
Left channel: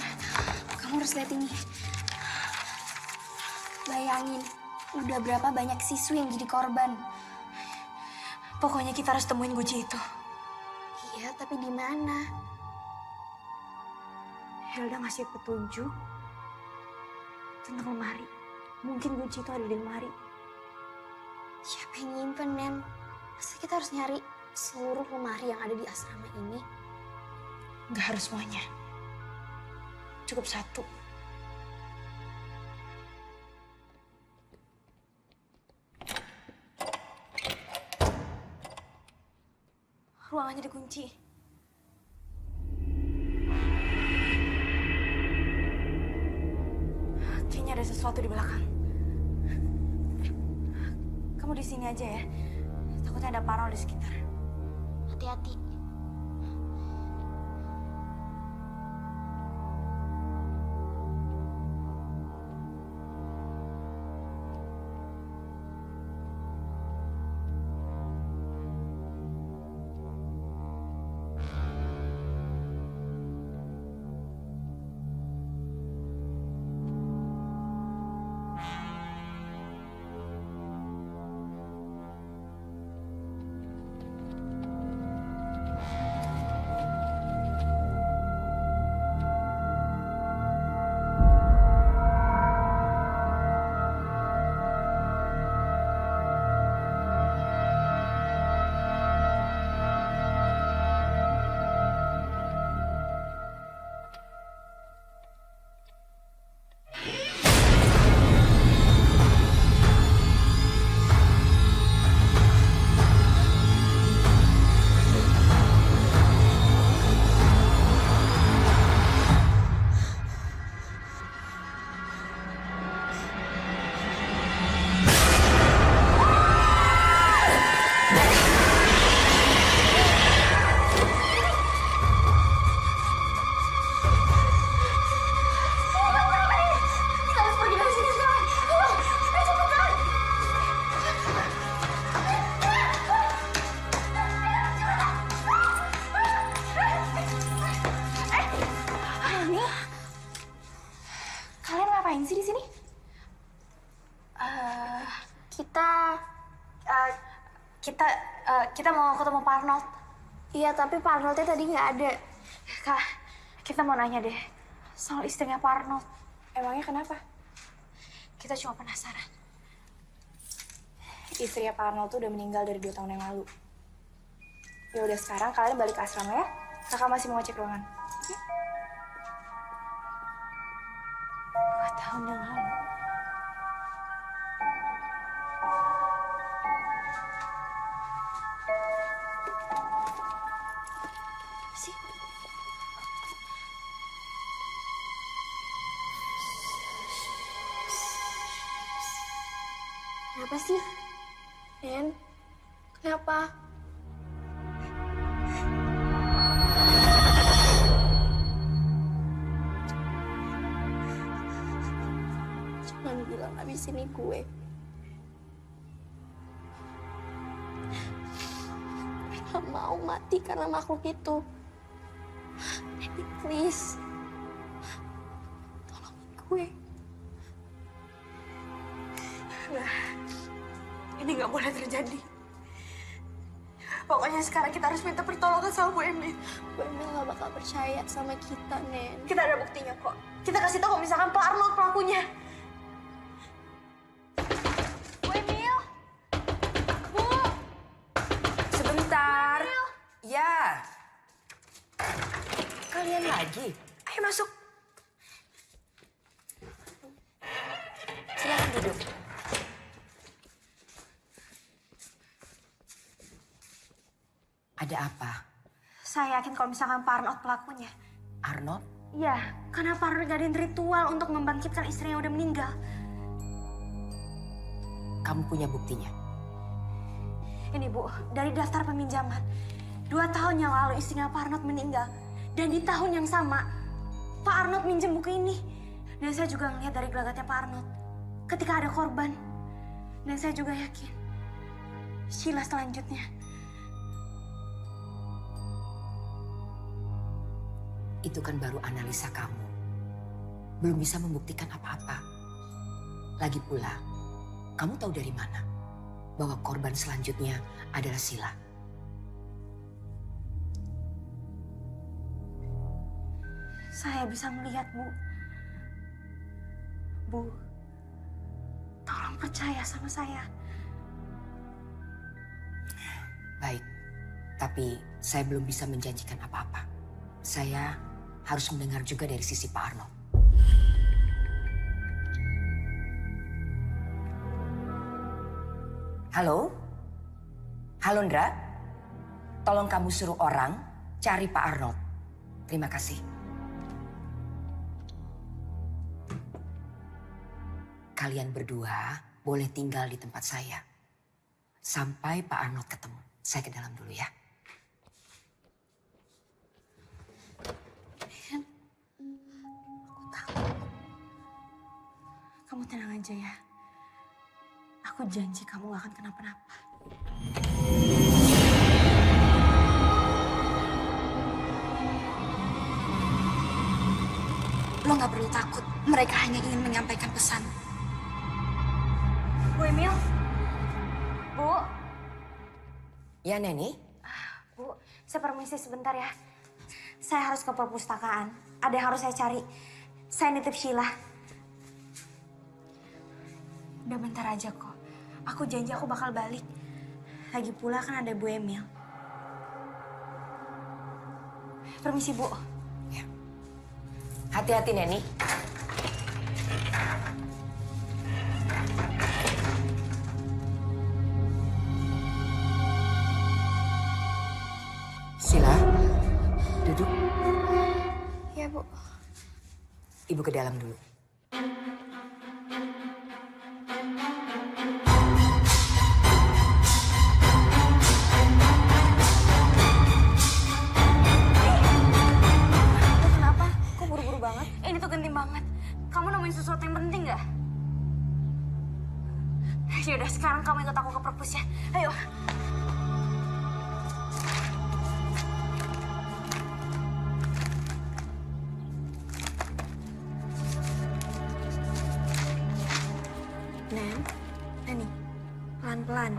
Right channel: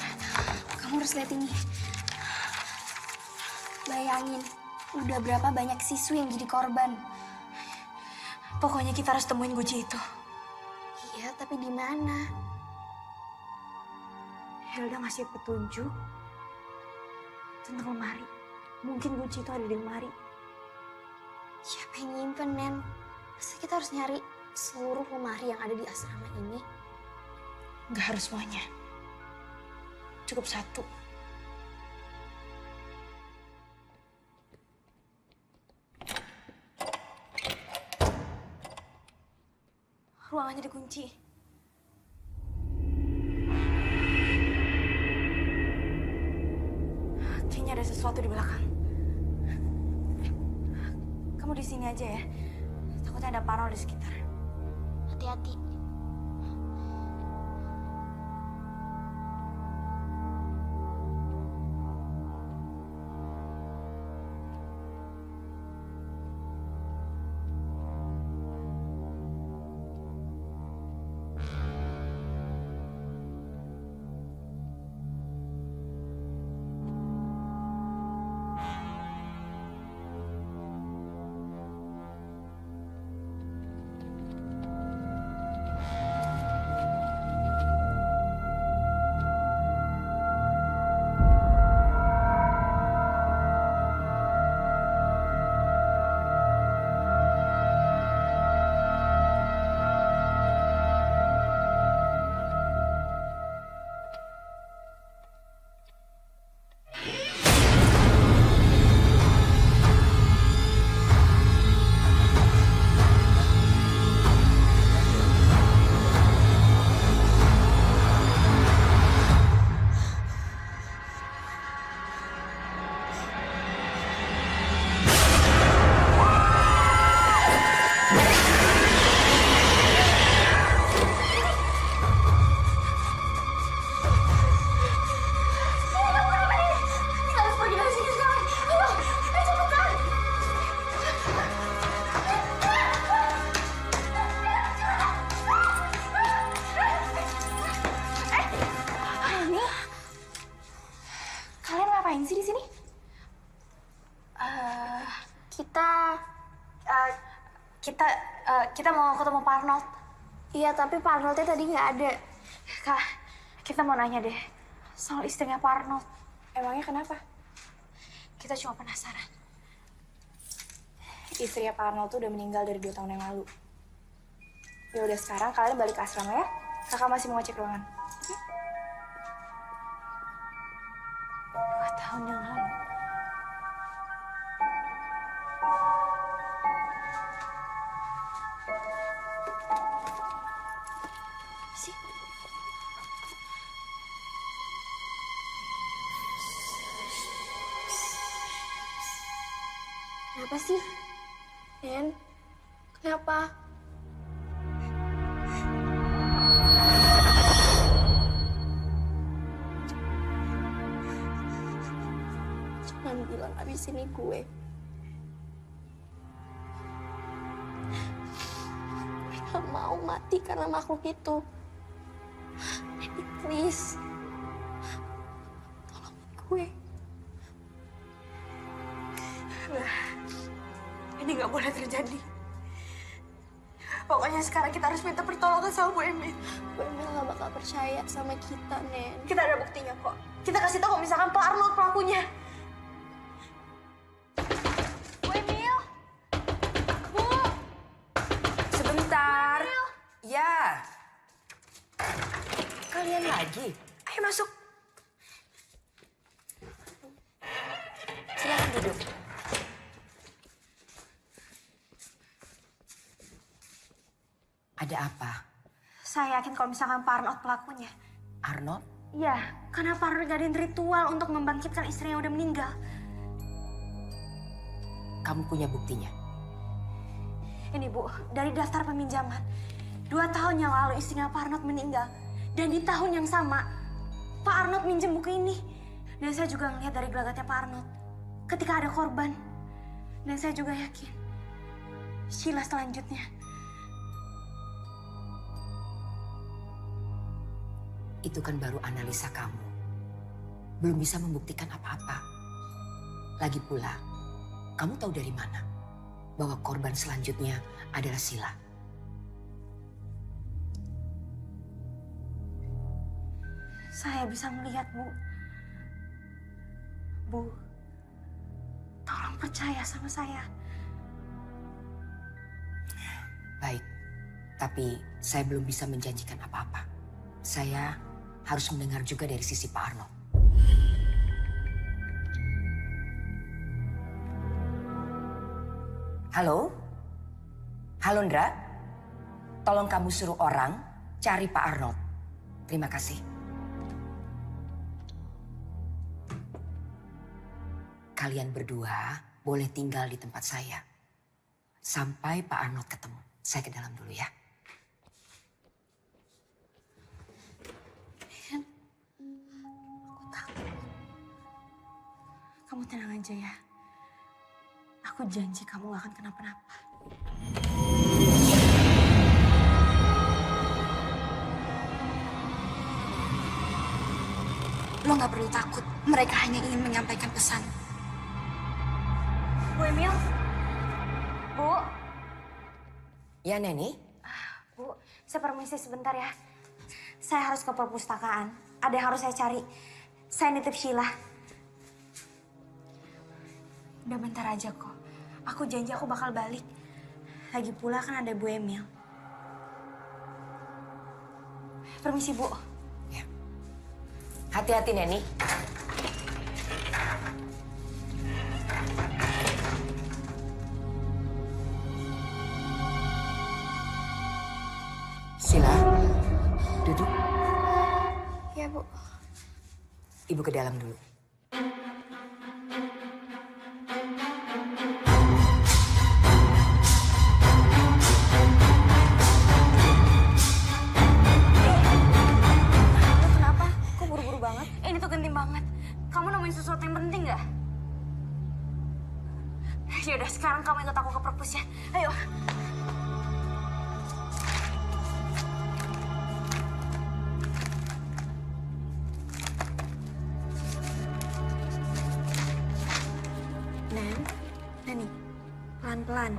Kamu harus lihat ini. Bayangin, udah berapa banyak siswi yang jadi korban. Pokoknya kita harus temuin guci itu. Iya, tapi di mana? Hilda ngasih petunjuk tentang lemari. Mungkin kunci itu ada di lemari. Siapa yang nyimpen, Nen? Masa kita harus nyari seluruh lemari yang ada di asrama ini? Nggak harus semuanya. Cukup satu. Ruangannya dikunci. Kayaknya ada sesuatu di belakang. Kamu di sini aja ya. Takutnya ada parno di sekitar. Hati-hati. Kalian ngapain sih di sini? Kita mau ketemu Pak Arnold. Iya, tapi Pak Arnoldnya tadi nggak ada. Kak, kita mau nanya deh soal istrinya Pak Arnold. Emangnya kenapa? Kita cuma penasaran. Istrinya Pak Arnold tuh udah meninggal dari 2 tahun yang lalu. Ya udah, sekarang kalian balik ke asrama ya. Kakak masih mau cek ruangan. Oke? 2 tahun yang lalu. Sih. Kenapa sih? Nen, Kenapa? Jangan bilang abis ini gue. Gue gak mau mati karena makhluk itu. Neni, please. Tolongin gue. Enggak. Ini nggak boleh terjadi. Pokoknya sekarang kita harus minta pertolongan sama Bu Emil. Bu Emil gak bakal percaya sama kita, Nen. Kita ada buktinya kok. Kita kasih tahu kalau misalkan Pak Arnold pelakunya. Bu Emil! Bu! Sebentar. Ya. Kalian lagi? Ayo masuk. Silakan duduk. Ada apa? Saya yakin kalau misalkan Pak Arnold pelakunya. Arnold? Iya, karena Pak Arnold ngadain ritual untuk membangkitkan istrinya yang udah meninggal. Kamu punya buktinya? Ini Bu, dari daftar peminjaman. 2 tahun yang lalu istrinya Pak Arnold meninggal. Dan di tahun yang sama, Pak Arnold minjem buku ini. Dan saya juga ngelihat dari gelagatnya Pak Arnold. Ketika ada korban. Dan saya juga yakin. Sheila selanjutnya. Itu kan baru analisa kamu. Belum bisa membuktikan apa-apa. Lagi pula, kamu tahu dari mana bahwa korban selanjutnya adalah Sheila? Saya bisa melihat, Bu. Bu, tolong percaya sama saya. Baik, tapi saya belum bisa menjanjikan apa-apa. Saya harus mendengar juga dari sisi Pak Arnold. Halo? Halo, Ndra? Tolong kamu suruh orang cari Pak Arnold. Terima kasih. Kalian berdua boleh tinggal di tempat saya. Sampai Pak Arnold ketemu. Saya ke dalam dulu ya. Kamu tenang aja ya. Aku janji kamu gak akan kenapa-napa. Lo gak perlu takut. Mereka hanya ingin menyampaikan pesan. Bu Emil? Bu? Ya, Neni? Bu, saya permisi sebentar ya. Saya harus ke perpustakaan. Ada yang harus saya cari. Saya nitip Sheila. Udah bentar aja kok. Aku janji aku bakal balik. Lagi pula kan ada Bu Emil. Permisi, Bu. Ya. Hati-hati, Neni. Sheila, duduk. Ya, Bu. Ibu ke dalam dulu. Lo kenapa? Kok buru-buru banget? Ini tuh genting banget. Kamu nemuin sesuatu yang penting gak? Yaudah, sekarang kamu ikut aku ke perpus ya. Ayo. Neni, pelan-pelan.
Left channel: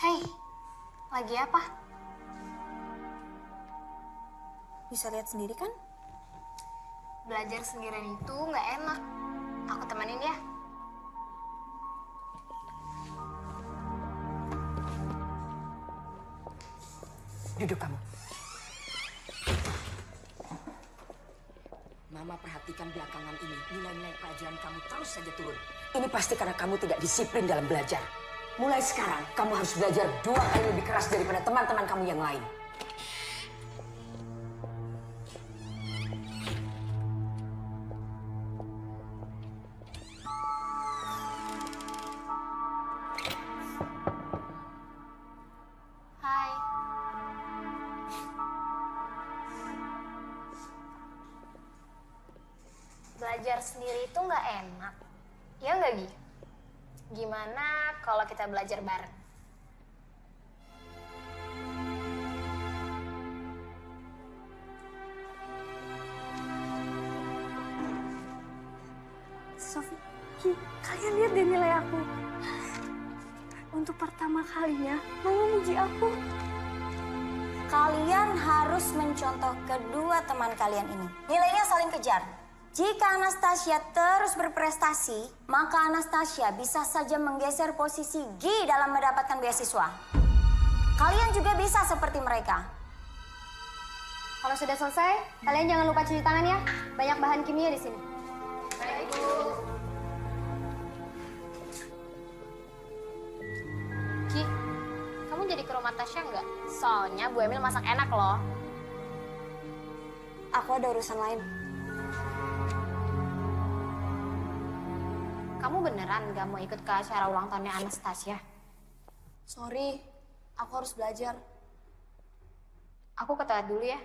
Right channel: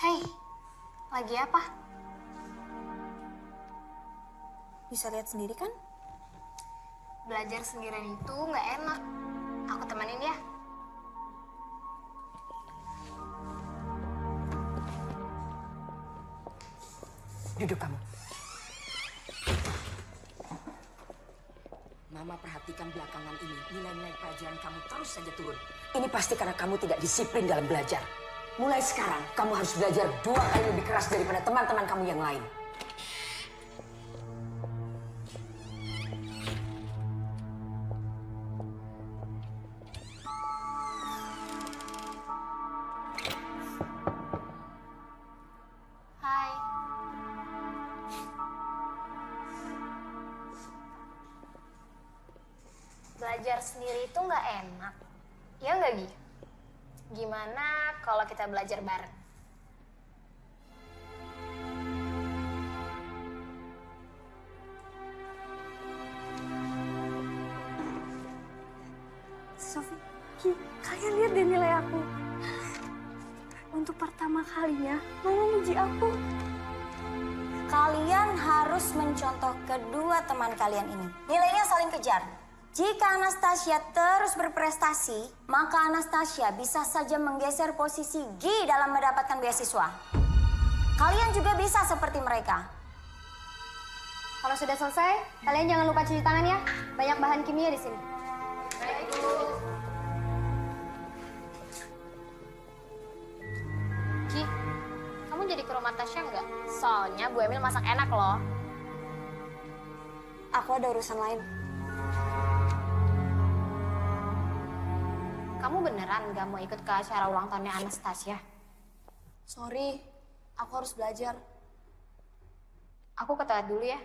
Hei, lagi apa? Bisa lihat sendiri kan? Belajar sendirian itu nggak enak. Aku temenin ya. Duduk kamu. Mama perhatikan belakangan ini, nilai-nilai pelajaran kamu terus saja turun. Ini pasti karena kamu tidak disiplin dalam belajar. Mulai sekarang, kamu harus belajar 2 kali lebih keras daripada teman-teman kamu yang lain. Hai. Belajar sendiri itu nggak enak. Ya nggak, Gi? Gimana kalau kita belajar bareng? Sofi, Ki, kalian lihat deh nilai aku. Untuk pertama kalinya, Mama muji aku. Kalian harus mencontoh kedua teman kalian ini. Nilainya saling kejar. Jika Anastasia terus berprestasi, maka Anastasia bisa saja menggeser posisi Gi dalam mendapatkan beasiswa. Kalian juga bisa seperti mereka. Kalau sudah selesai, kalian jangan lupa cuci tangan ya. Banyak bahan kimia di sini. Baik, Bu. Ki, kamu jadi ke rumah Tasya nggak? Soalnya Bu Emil masak enak loh. Aku ada urusan lain. Kamu beneran nggak mau ikut ke acara ulang tahunnya Anastasia? Sorry, aku harus belajar. Aku ke toilet dulu ya.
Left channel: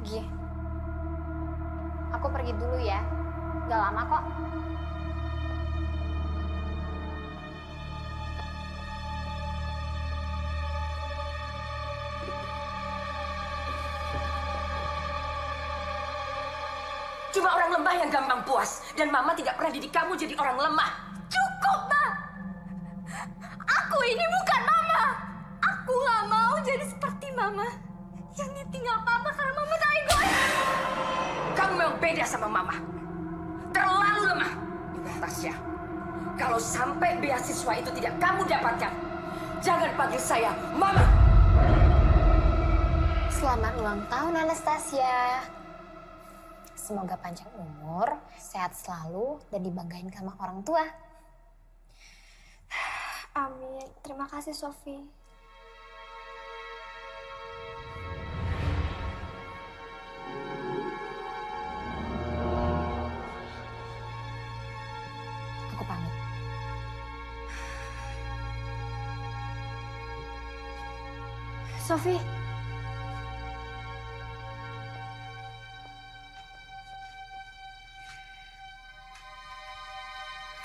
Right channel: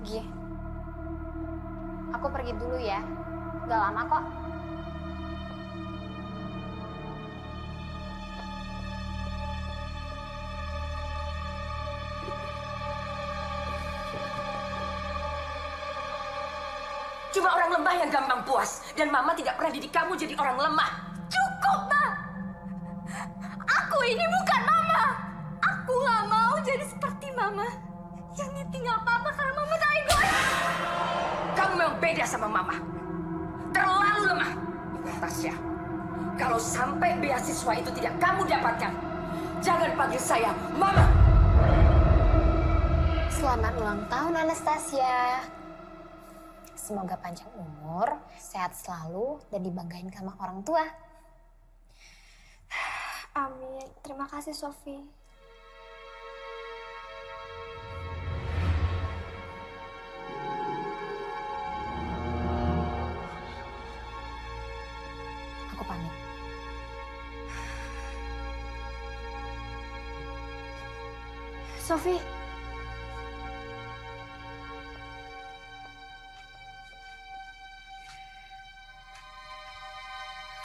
Gi, aku pergi dulu ya. Gak lama kok. Cuma orang lemah yang gampang puas. Dan Mama tidak pernah didik kamu jadi orang lemah. Cukup, Ma! Aku ini bukan Mama! Aku gak mau jadi seperti Mama. Yang ditinggal Papa karena Mama tak egois. Kamu memang beda sama Mama. Terlalu lemah. Ingat, Tasya. Kalau sampai beasiswa itu tidak kamu dapatkan, jangan panggil saya Mama. Selamat ulang tahun Anastasia. Semoga panjang umur, sehat selalu, dan dibanggain sama orang tua. Amin. Terima kasih, Sofi. Aku pamit. Sofi.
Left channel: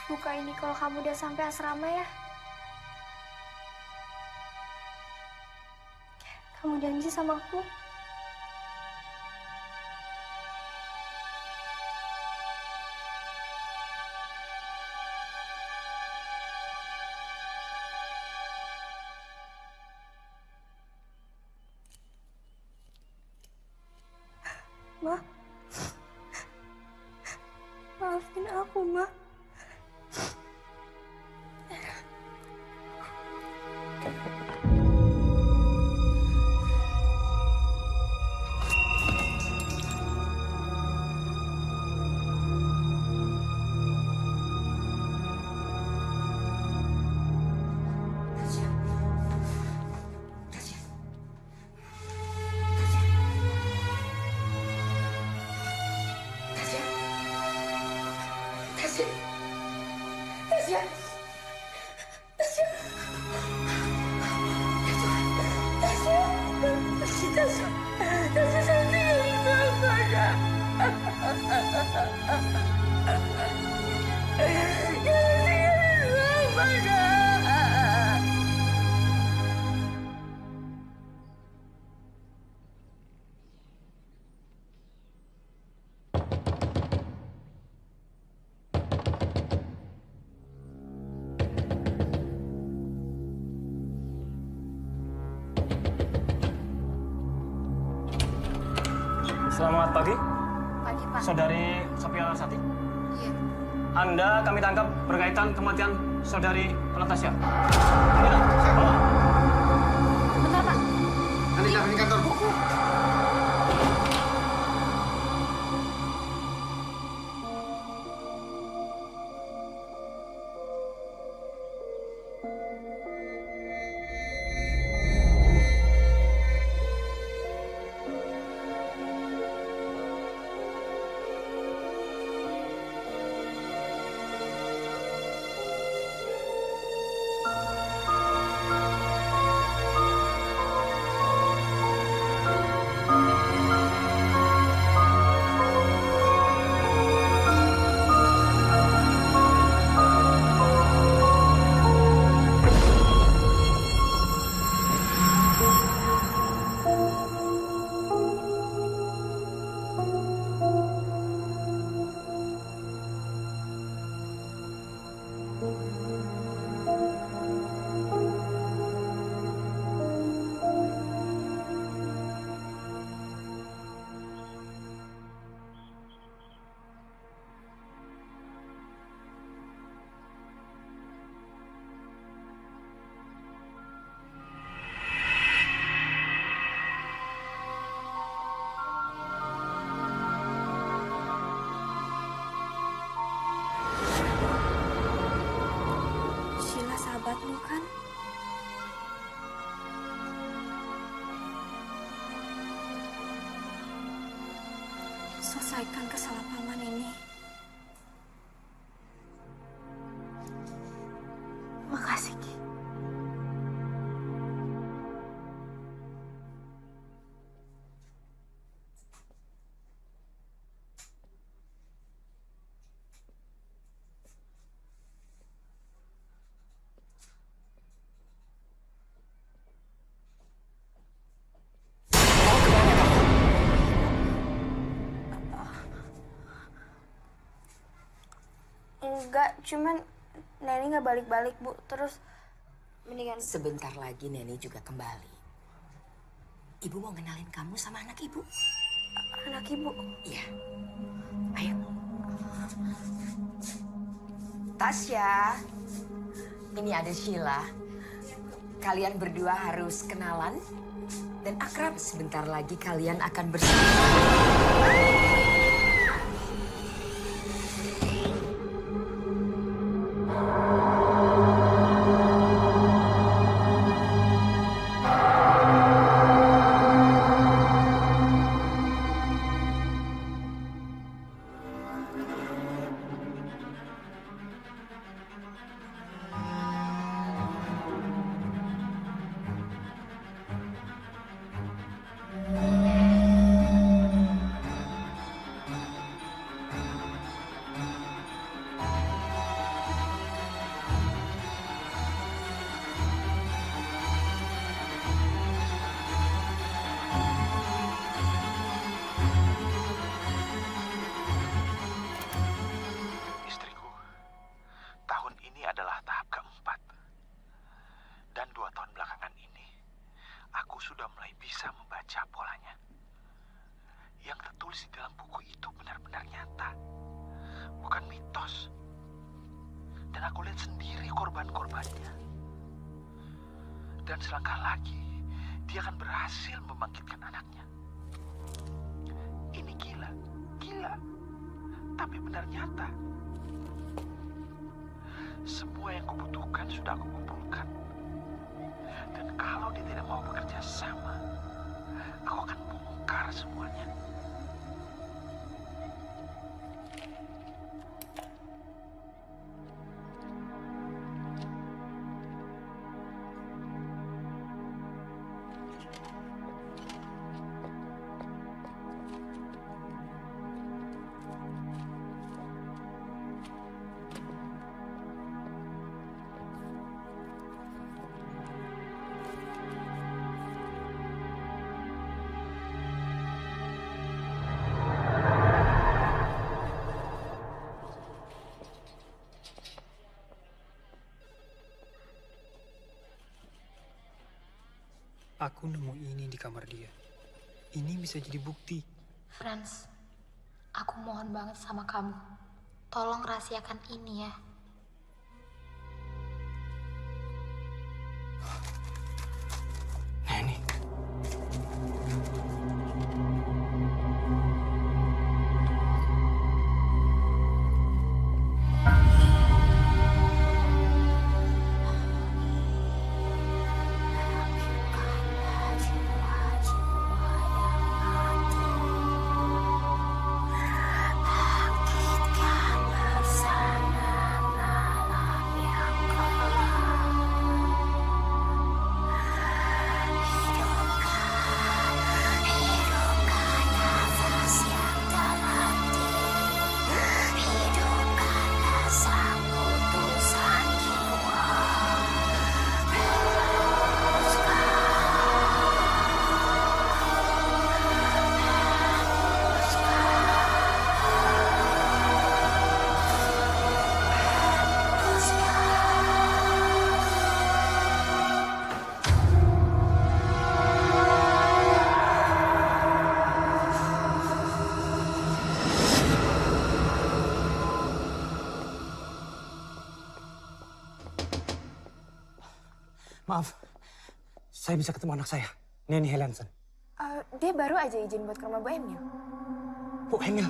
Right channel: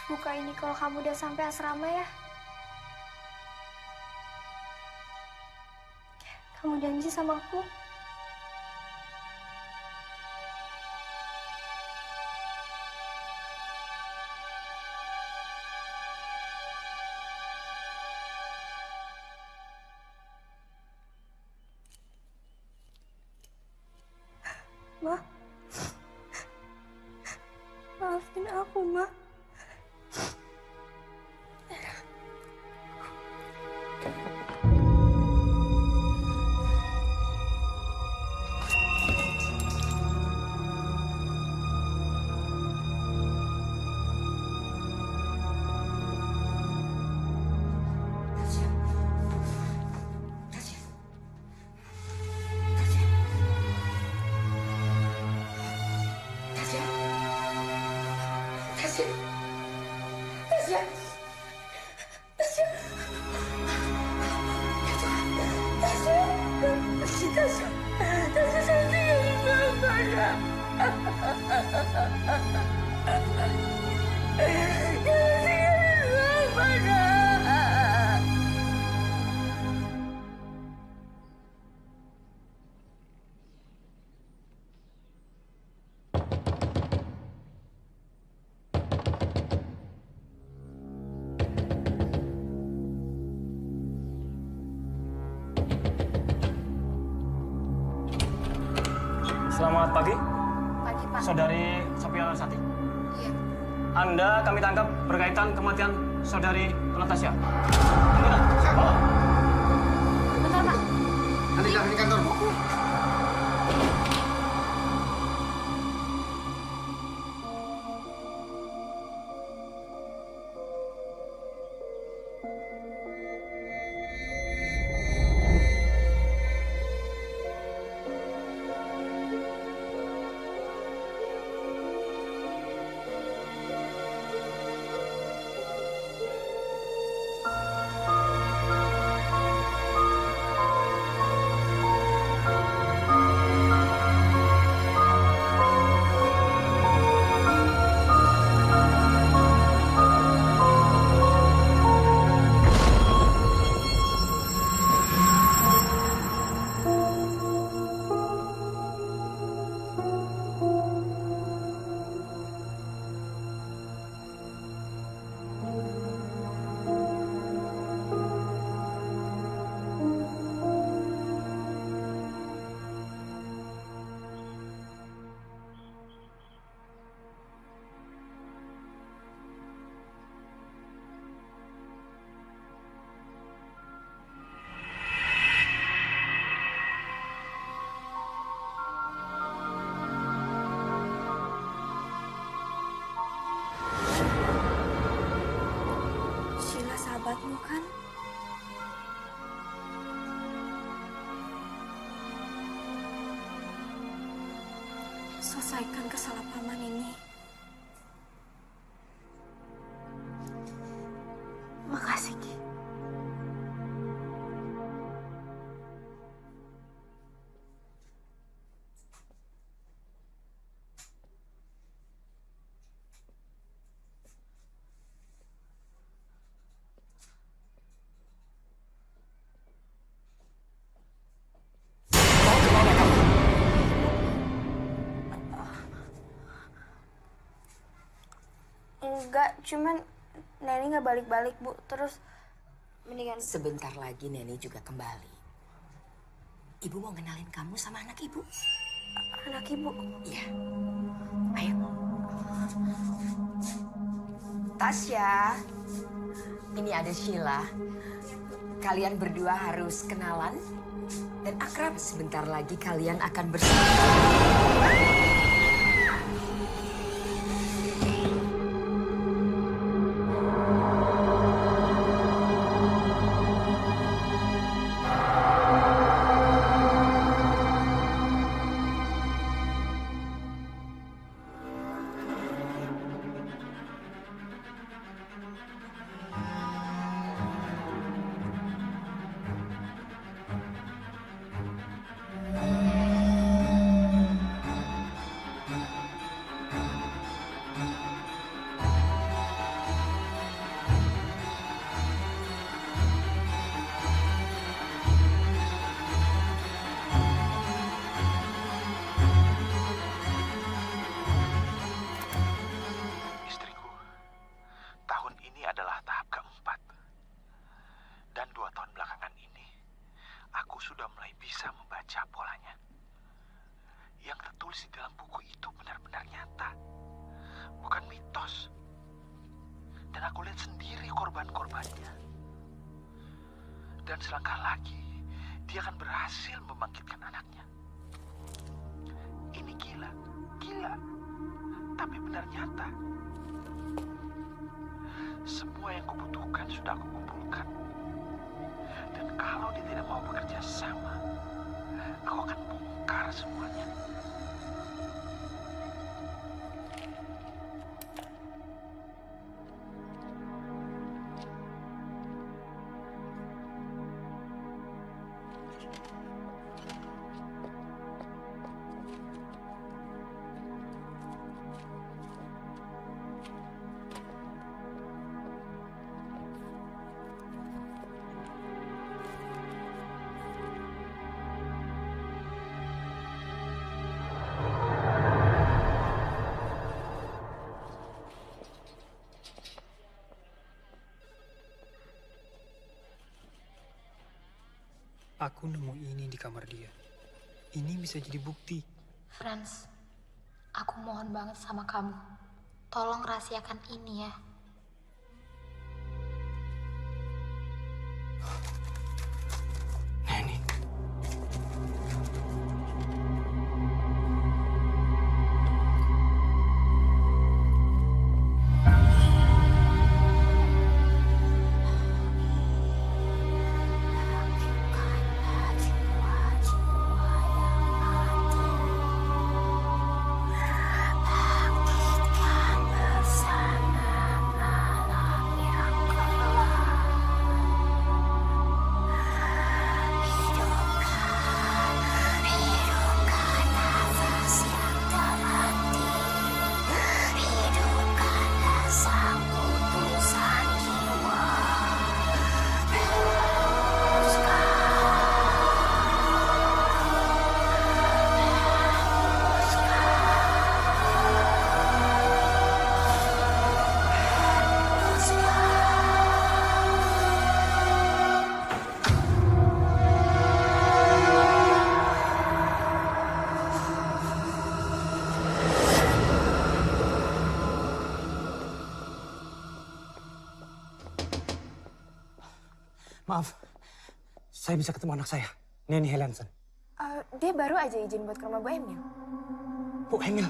Buka ini kalau kamu udah sampai asrama ya. Kamu janji sama aku? Ma. Maafin aku, Ma. Tasya. Tasya. Tasya. Tasya. Tasya tinggalin Mama, nak. Jangan tinggalin Mama, nak. Selamat pagi, Pagi, Pak. Saudari Sophia Larsati. Iya. Anda kami tangkap berkaitan kematian Saudari Natasha. Anggota, bawa. Bentar, Pak. Nanti jangan di kantor, Bu. Sheila sahabatmu kan? Selesaikan kesalahpahaman ini. Makasih, Ki. Mau kemana kamu? Enggak, cuman Neni nggak balik-balik, Bu. Terus mendingan Sebentar lagi Neni juga kembali. Ibu mau kenalin kamu sama anak ibu. anak Ibu. Iya. Ayo. Tasya. Ini ada Sheila. Kalian berdua harus kenalan dan akrab. Sebentar lagi kalian akan bersatu. Istriku, tahun ini adalah tahap keempat. Dan 2 tahun belakangan ini, aku sudah mulai bisa membaca polanya. Yang tertulis di dalam buku itu benar-benar nyata, bukan mitos. Dan aku lihat sendiri korban-korbannya. Dan selangkah lagi, dia akan berhasil membangkitkan anaknya. Ini gila, tapi benar nyata. Semua yang kubutuhkan sudah aku kumpulkan. Dan kalau dia tidak mau bekerja sama, aku akan bongkar semuanya. Aku nemu ini di kamar dia. Ini bisa jadi bukti. Franz, aku mohon banget sama kamu. Tolong rahasiakan ini ya. Neni. Maaf, saya bisa ketemu anak saya, Neni Helenson. Dia baru aja izin buat ke rumah Bu Emil. Bu Emil?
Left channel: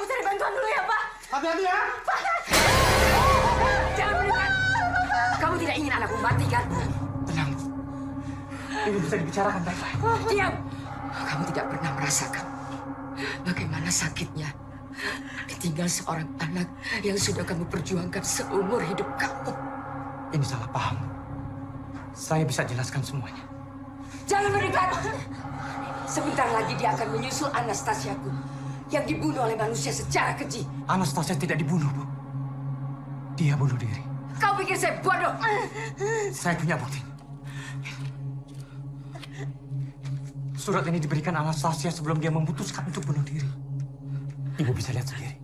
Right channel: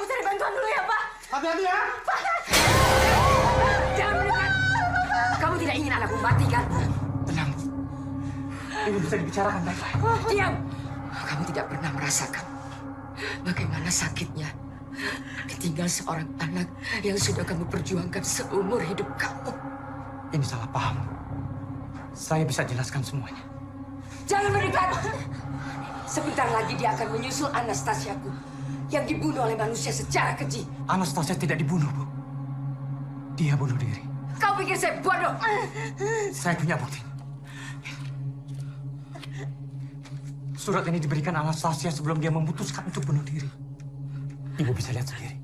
aku cari bantuan dulu ya, Pak. Hati-hati ya. Jangan mendekat. Kamu tidak ingin anakmu mati, kan? Tenang, Bu. Ini bisa dibicarakan baik-baik. Diam! Kamu tidak pernah merasakan bagaimana sakitnya ditinggal seorang anak yang sudah kamu perjuangkan seumur hidup kamu. Ini salah paham, Bu. Saya bisa jelaskan semuanya. Jangan mendekat! Sebentar lagi dia akan menyusul Anastasiaku yang dibunuh oleh manusia secara keji. Anastasia tidak dibunuh, Bu. Dia bunuh diri. Kau pikir saya bodoh? Saya punya bukti. Surat ini diberikan Anastasia sebelum dia memutuskan untuk bunuh diri. Ibu bisa lihat sendiri.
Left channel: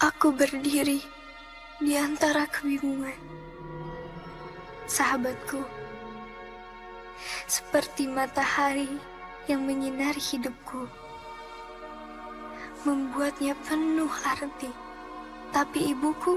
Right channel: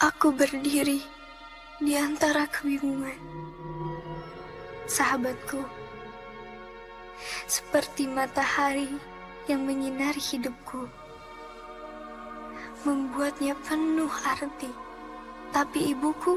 Aku berdiri di antara kebingungan. Sahabatku, seperti matahari yang menyinari hidupku, membuatnya penuh arti. Tapi ibuku